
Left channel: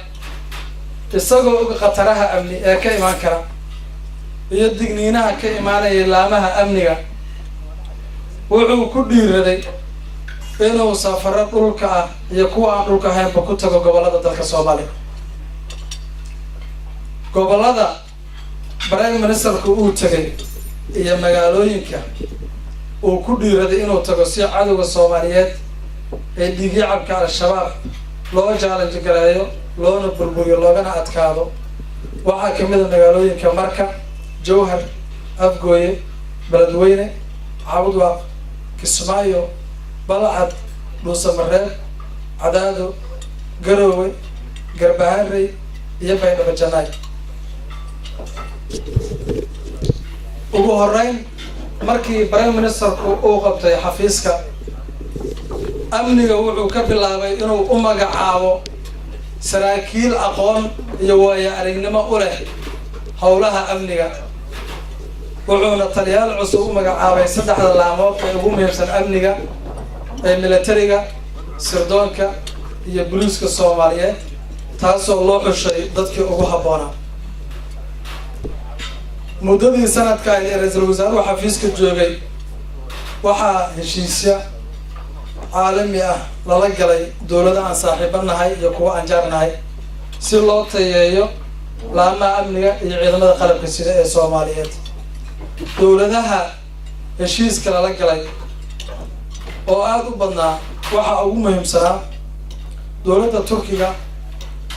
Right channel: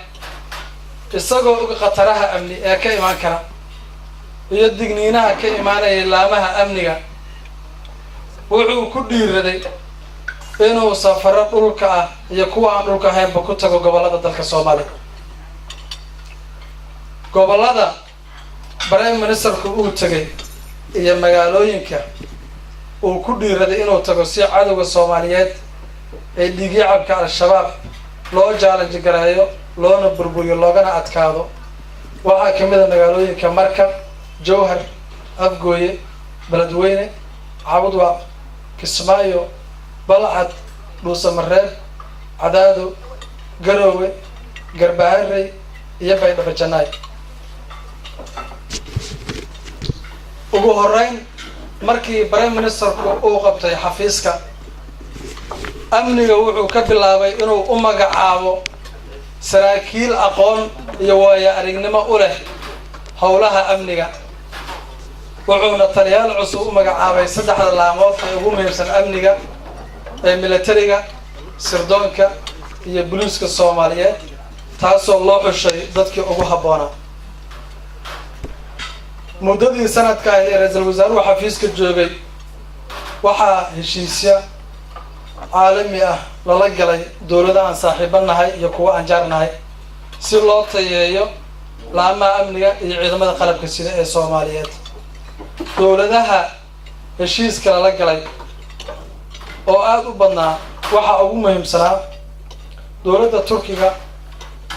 isagoo uga qataraha amni ee ka imaan kara iyo digniinaha ka imaanaya laamaha amniga wuxuu ku dhiiraday inuu safaro dhulka ah iyo kuwa aan dhulka ahaynba ku tago gobolada dalka Soomaaliya gobolada Prime Ministerku uu tagay iyo magaalooyinka uu ku dhiiraday inuu tago si cadowga Soomaaliyeed ee dhiigicabka al-shabaab loo challenge gareeyo loona burburiyo loogana adkaado waxaa kamid ah magaalooyinka Marka Jowhar Afgooye Beledweyne Cabudwaaq Kismaayo Balcad Dhuusamareeb Cadaado Garowe Garbaharey iyo Baydhabo Janaay ugu horeyn markii Prime Ministerku uu qabtay xafiiska amniga wuxuu ka bilaabay inuu u magacaabo saraakiil aqoon iyo waayo aragnimo u leh howlaha amniga wuxuuna taliyaal cusub u magacaabay 3 laamood ee ugu muhiimsan amniga ee militariga sirdoonka iyo booliiska Soomaaliyeed taasoo loo xushay dadkii ugu habboonaa muddadii sanadka ay ra'iisul wasaaruhu xafiiska joogay waxaa heshiisya caalami ah lala galay dowladda aan saaxiibanahay iyo kuwa aan jaarnahay si loo tayeeyo laamaha amniga iyo ciidamada qalabka sida ee Soomaaliyeed dowladaha heshiiska lala galay oo aad u badnaa waxaa ugu muhiimsanaa dowladda Turkiga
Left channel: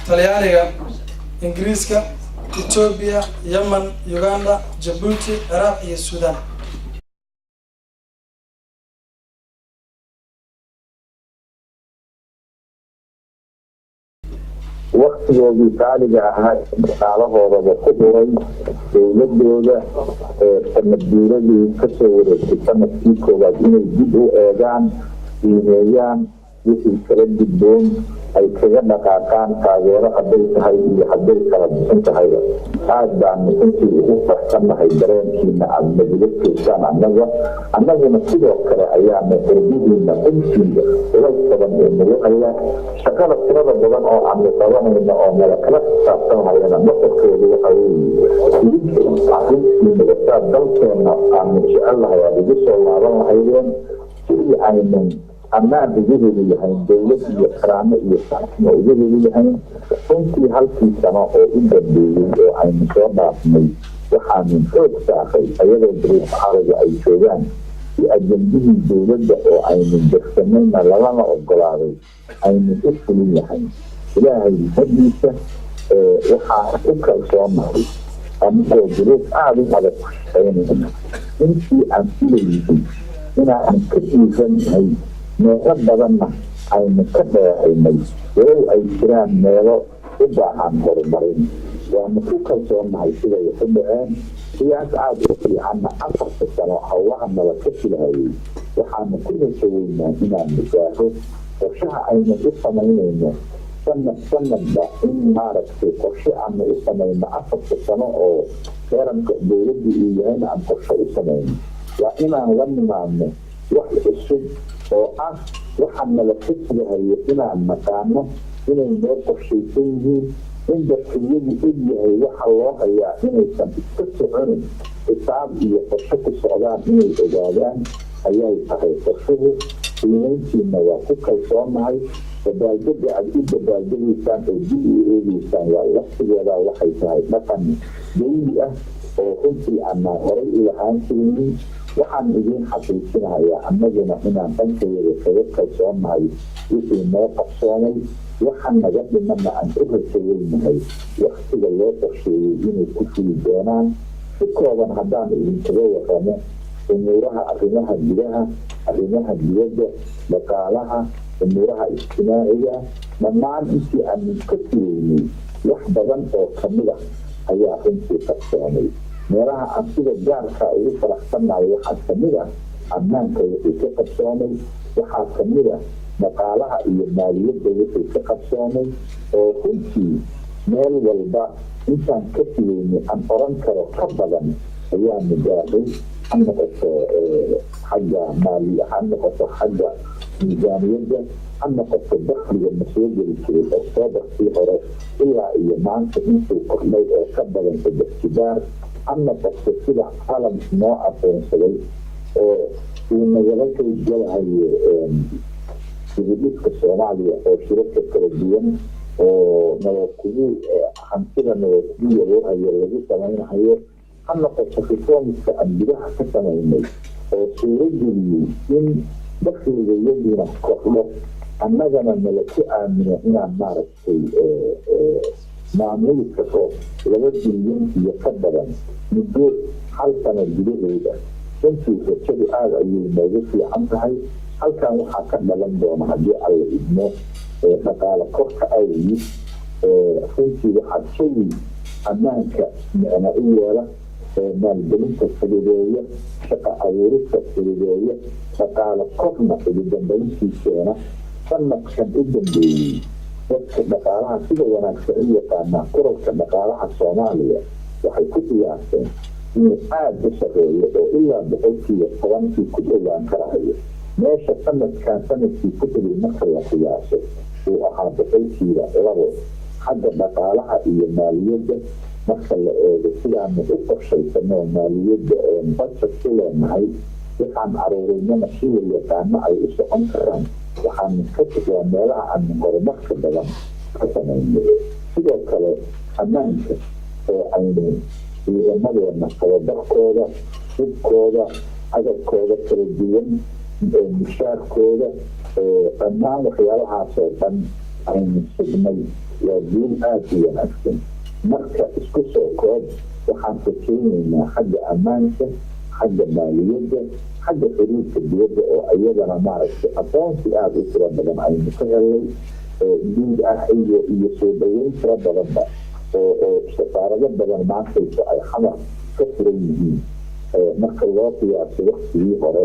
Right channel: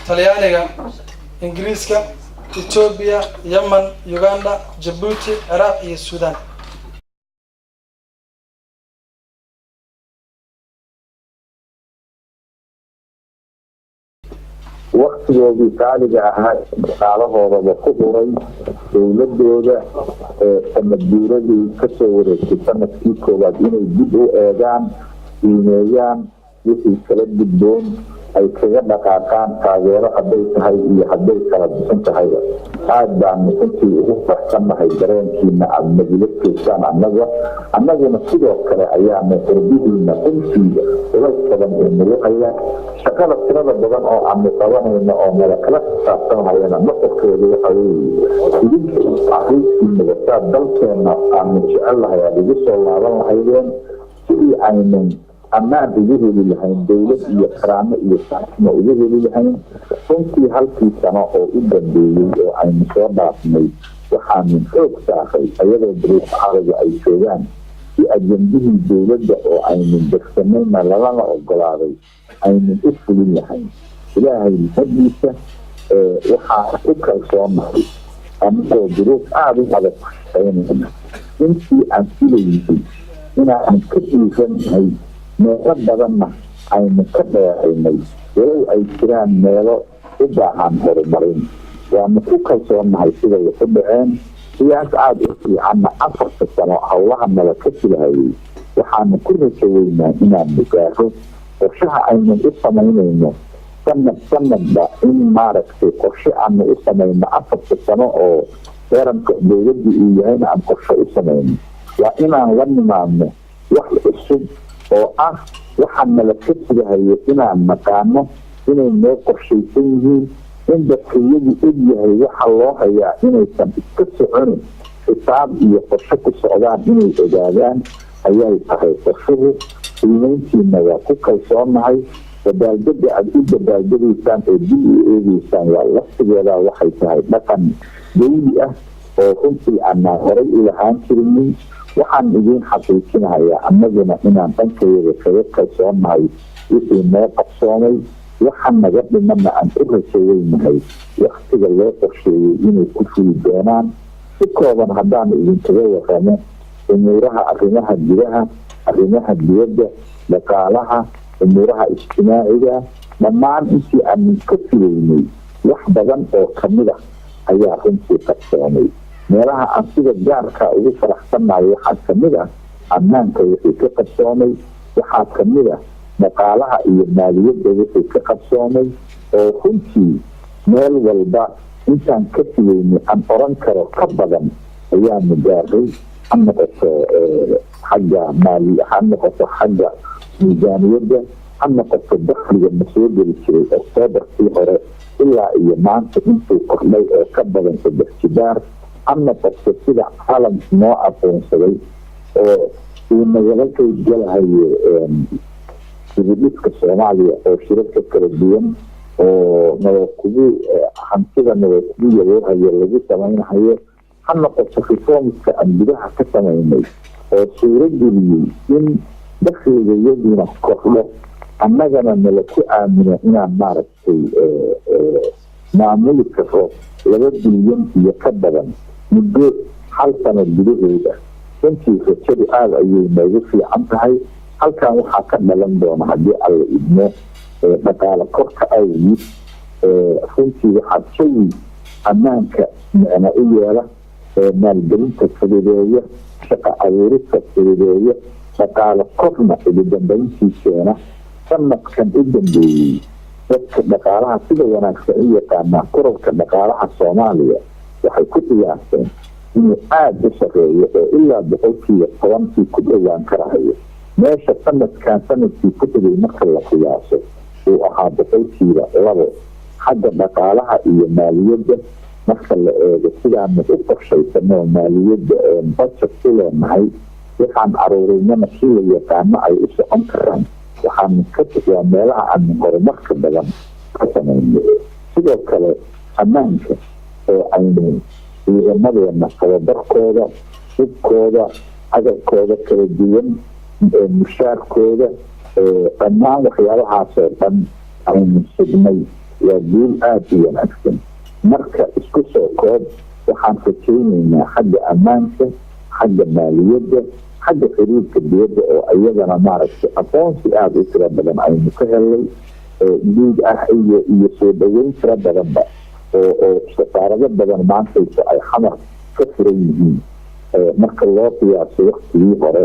Talyaaniga Ingiriiska Ethiopia Yemen Uganda Djibouti Iraq iyo Sudan waqtigoodii qaaliga ahaa dhaqaalahoodaba ku huray dowladooda sanadguuradii kasoo wareegtay sanadkii koowaad inay dib u eegaan qiimeeyaan wixii kala gudboon ay kaga dhaqaaqaan taageero hadday tahay iyo hadday kala bixin tahayba aad baanu intii ugu farsannahay dareenkiina aada nagula joogtaan annaguna sidoo kale ayaanu qurbihiina intiiba culays badan ee nagu haya shaqada tirada badan oo aanu qabanayno oo nala kala xisaabtanhayana masarkeedu waxa weeye idinka caruurtiinaba saa dalkeenna aanu jecelnahay aada igu soo laaban lahaydeen sidii aynan ammaan ugu heli lahayn dowlad iyo karaamo iyo saxma ugu heli lahayn runtii halkii sano oo u dambeeyey oo aynu soo dhaafnay waxaanu xoog saakay ayadoo bariis carabi ay joogaan si ajandihii dowladda oo aynu degsanayna lalana ogolaaday aynu u fulin lahayn ilaahay hadiisa waxaa u kalsoonahay anigoo duruuf aada u adag ku shaqaynayna intii aan filayay inaanu ka dhiiranahay meelo badanna aynu ka dheeraynay walow ay jiraan meelo u baahan horumarin waanu ku kalsoonahay siday u dhaceen siyaas aada u fiicanna 4 sano howlaha nala ka filahayay waxaanu ku rajaweynaa inaanu gaaro qorshaha aynu u samaynayno sanadba in maaragtay qorshe aanu u samayno 4 sano oo qaranka dowladda uu yahayna aan qorshe u samayno waa inaan la nimaadno wax cusub oo ah waxaan nala ka filahayo inaan naqaano inay noo qorshaysan yihiin in dadkayadu og yahay waxa loo hayaa inaysan iska soconin xisaab iyo qorshe ku socdaan inay ogaadaan ayay tahay qorshuhu qiimayntiina waa ku kalsoonahay dabaaldega aad u dabaaldegaysaan oo dib u eegeysaan waa laftigeeda waxay tahay dhaqan dawli ah oo runtii aanaa horay u lahaan jirinin waxaan idiin xaqiijinahayaa annaguna inaan dhankayada kaga kalsoonahay wixii noo qabsoomay waxaan naga dhimana aan u rajaweynahay waktiga loo qorsheeyey inay ku fuli doonaan si kooban haddaan idinkaga waramo umuuraha arrimaha gudaha arrimaha dibadda dhaqaalaha umuuraha ijtimaaciga dhammaan intii aanan ka filaynay wax badan oo kamid ah ayaa runtii qabsoomay meelaha aan sida gaarka ugu faraxsanayo waxaa kamid ah ammaanka wixii ka qabsoomay waxaa kamid ah dhaqaalaha iyo maaliyadda wixii ka qabsoomay oo runtii meel walba intaan ka filaynay aan oran karo ka badan ayaanu gaaray ha noqoto xagga maaliya ha noqoto xagga miisaaniyadda ha noqoto dakhliga ma soo geli jiray oktoobarkii hore ilaa iyo maanta intuu kordhay oo ka badan 3 jibaar ha noqoto sida caalam noo aqoonsaday oo uu nagala qaybgalahayo dibudhiska soomaaliya oo shirarka kala duwan oo nabadkugu hantida nabadkugu yareehayo lagu samaynahayo ha noqoto reformska aan gudaha ka samaynay oo suuro geliyey in dakhliga yaduna kordho annagana nala ku aamino inaan maaragtay maamuli karo 2 bilyan iyo ka badan muddo 1 sano gudaheeda runtii rajadu aada ayay noogu fiican tahay halkan waxaa ka dhalan doona haddii alla idmo dhaqaale korka awgiis runtii waxaa jawi ammaanka micna u yeela maalgelinta fududeeya shaqa abuurista fududeeya dhaqaale korna ugu dambayntiiseena sanadkan u dambeeyey dadka dhaqaalaha sida wanaagsan u yaqaanaa kororka dhaqaalaha soomaaliya waxay ku qiyaaseen inuu aada u sareeyo oo ilaa 10% ku dhowaan karahayo meesha sanadkii ku tegay marka la qiyaaso uu ahaa 2% xagga dhaqaalaha iyo maaliyadda marka la eego sidaanu u qorshaysano maaliyadda budget u leenahay waxaan aruurinana si la yaqaano ay u socon karaan waxaanu ka tagaa meelaha aan horumarka badan ka samayno sidoo kale ammaanka oo aynu ciidamadeena tababarkooda hubkooda agabkooda kala duwan mushaarkooda dhammaan waxyaabahaasoo dhan aynu sugnay waa guul aada u wanaagsan marka isku soo koob waxaan rajaynaynaa xagga ammaanka xagga maaliyadda xagga xiriirka dibadda oo iyadana maaragtay aqoonsi aada u tiro badan aynu ka helay guud ah iyo soo dhaweyn tiro badanba oo safaarado badan maantaysa ay xamar ka furan yihiin marka loo qiyaaso waktigii hore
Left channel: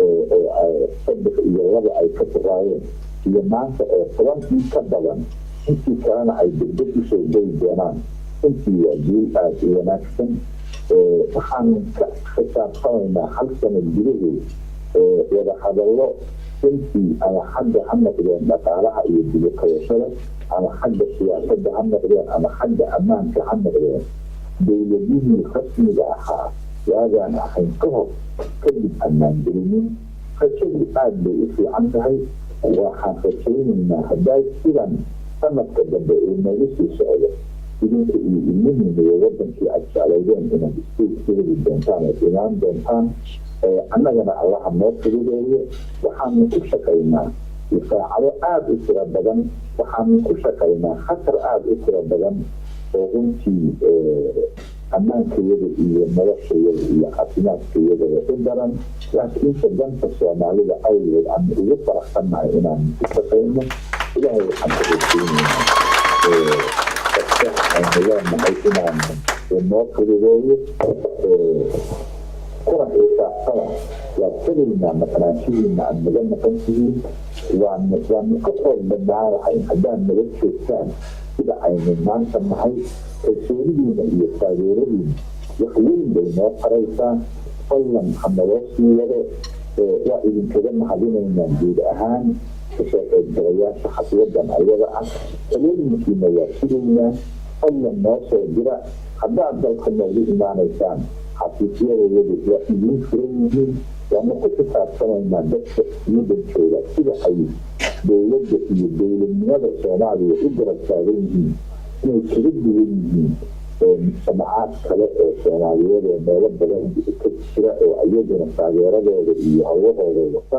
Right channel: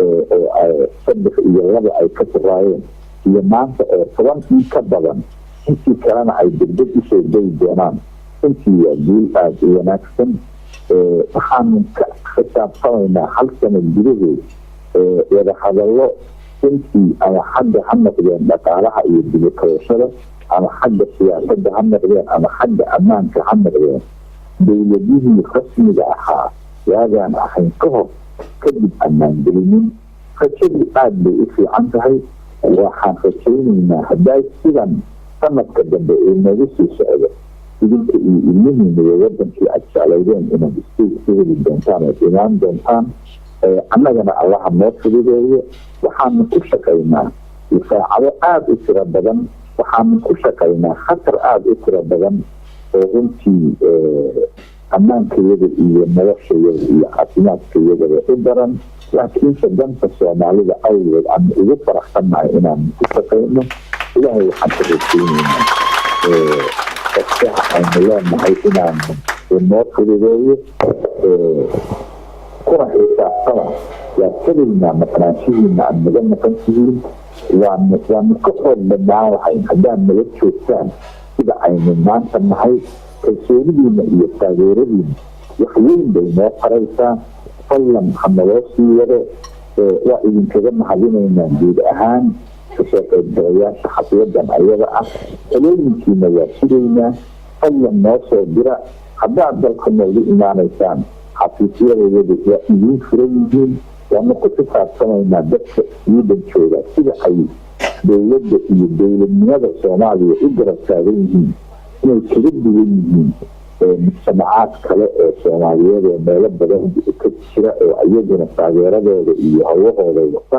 oo 3 iyo 2 ay ka furaayeen iyo maanta oo 10 ka badan intii kalena ay degdeg usoo geli doonaan intii waa guul aada u wanaagsan waxaanu ka xisaabtamaynaa 1 sano gudaheed wada hadallo intii ama xagga ha noqdeen dhaqaalaha iyo dibakabashada ama xagga siyaasadda ha noqdeen ama xagga ammaanka ha noqdeen dowladihii rasmiga ahaa waagaan ahayn ka hor kadib ammaan gelinin rajadu aada bay u fiican tahay waxaan rajaynaynaa hadday sidan sanadka dambe uu nagu sii socdo idinka iyo ilmihiina iyo wadankii aad jeclaydeen inaad isku heli doontaan ood imaan doontaan annagana allaha noo fududeeyo waxaanu ku shaqaynaa difaacado aada u tiro badan waxaanu ku shaqaynaa khatar aada u tiro badan oo runtii ammaankayada iyo noloshayada iyo caafimaadkayadaba u daran laakiinse danta soomaalida awgeed aanu ugu faraxsannahay inaanu ku shaqayno ilaahay waxaan ka rajeyneynaa dadkaha aynu leenahay inaanu noo fududeeyo kuna xisaabtana waa kelignaa maqnaanshihiina aad naga maqan tihiin waanu ka xoog badnaan lahayn haddaad naga joogtaan sida aynu maanta nahay kalsoonidiina iyo taageeradiina wax weyn bay noo qaraysaa fadlan hanaloo sii wado waa idinkaga mahadinaynaa guud ahaan kasoo qaybgalayaasha xafladan ayada ah talooyinkiina waa sugaynaa fadlan noo soo dira haddaad dalka noogu imaanaysaan xafiisyadayadu waa idiin furan yihiin waanu ku xisaabtamaynaa dadka ciidan jooga sida ay dowladda iyo dowladnimada soomaaliya u garab taagan yihiin inay kaga duwan yihiin mujtamacaad kale ee soomaaliyeed ee meelo badan ka jira oo iyaguna taageeradooda iyo hawahooda wata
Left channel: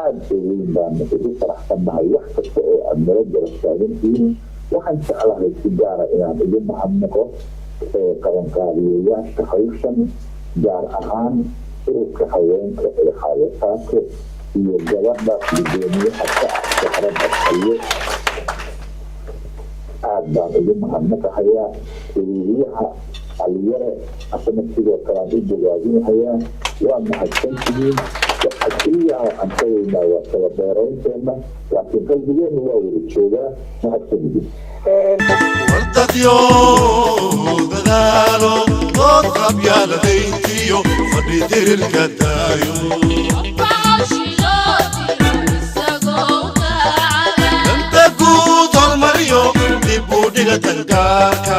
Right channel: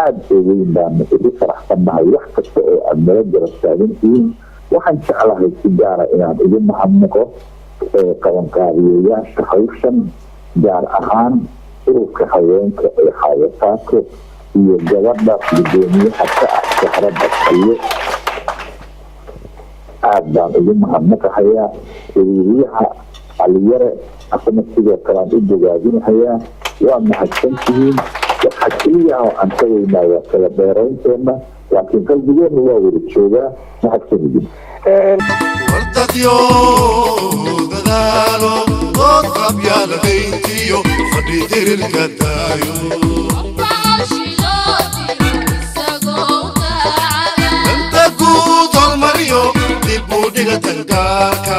aada oo weyn baanu ugu faraxsannahay wax kasta oo aad nala garab taagan tihiin waxaan jeclahay si gaara inaan ugu mahadnaqo qabanqaabiyayaasha hawshan gaar ahaan ururka haweenka ee xaawataako iyo gabadha gudoomiyaha ka ah saxrada kaliyo aada baan ugu mahadnaqahayaa wariiriyaha caliyare asana sidoo kalean u bogaadinahayaa waa mahadsantihiin waxaa keliya oo aan ka weynaa waa kala dheeraynteena laakiin qalbigeena waa wada joogaa mahadsanidin wartadyo dadaalo dood qabyaaladayntiyo fadhi dirirka daayo danta guud hormariyo dib u dhiga tangaarka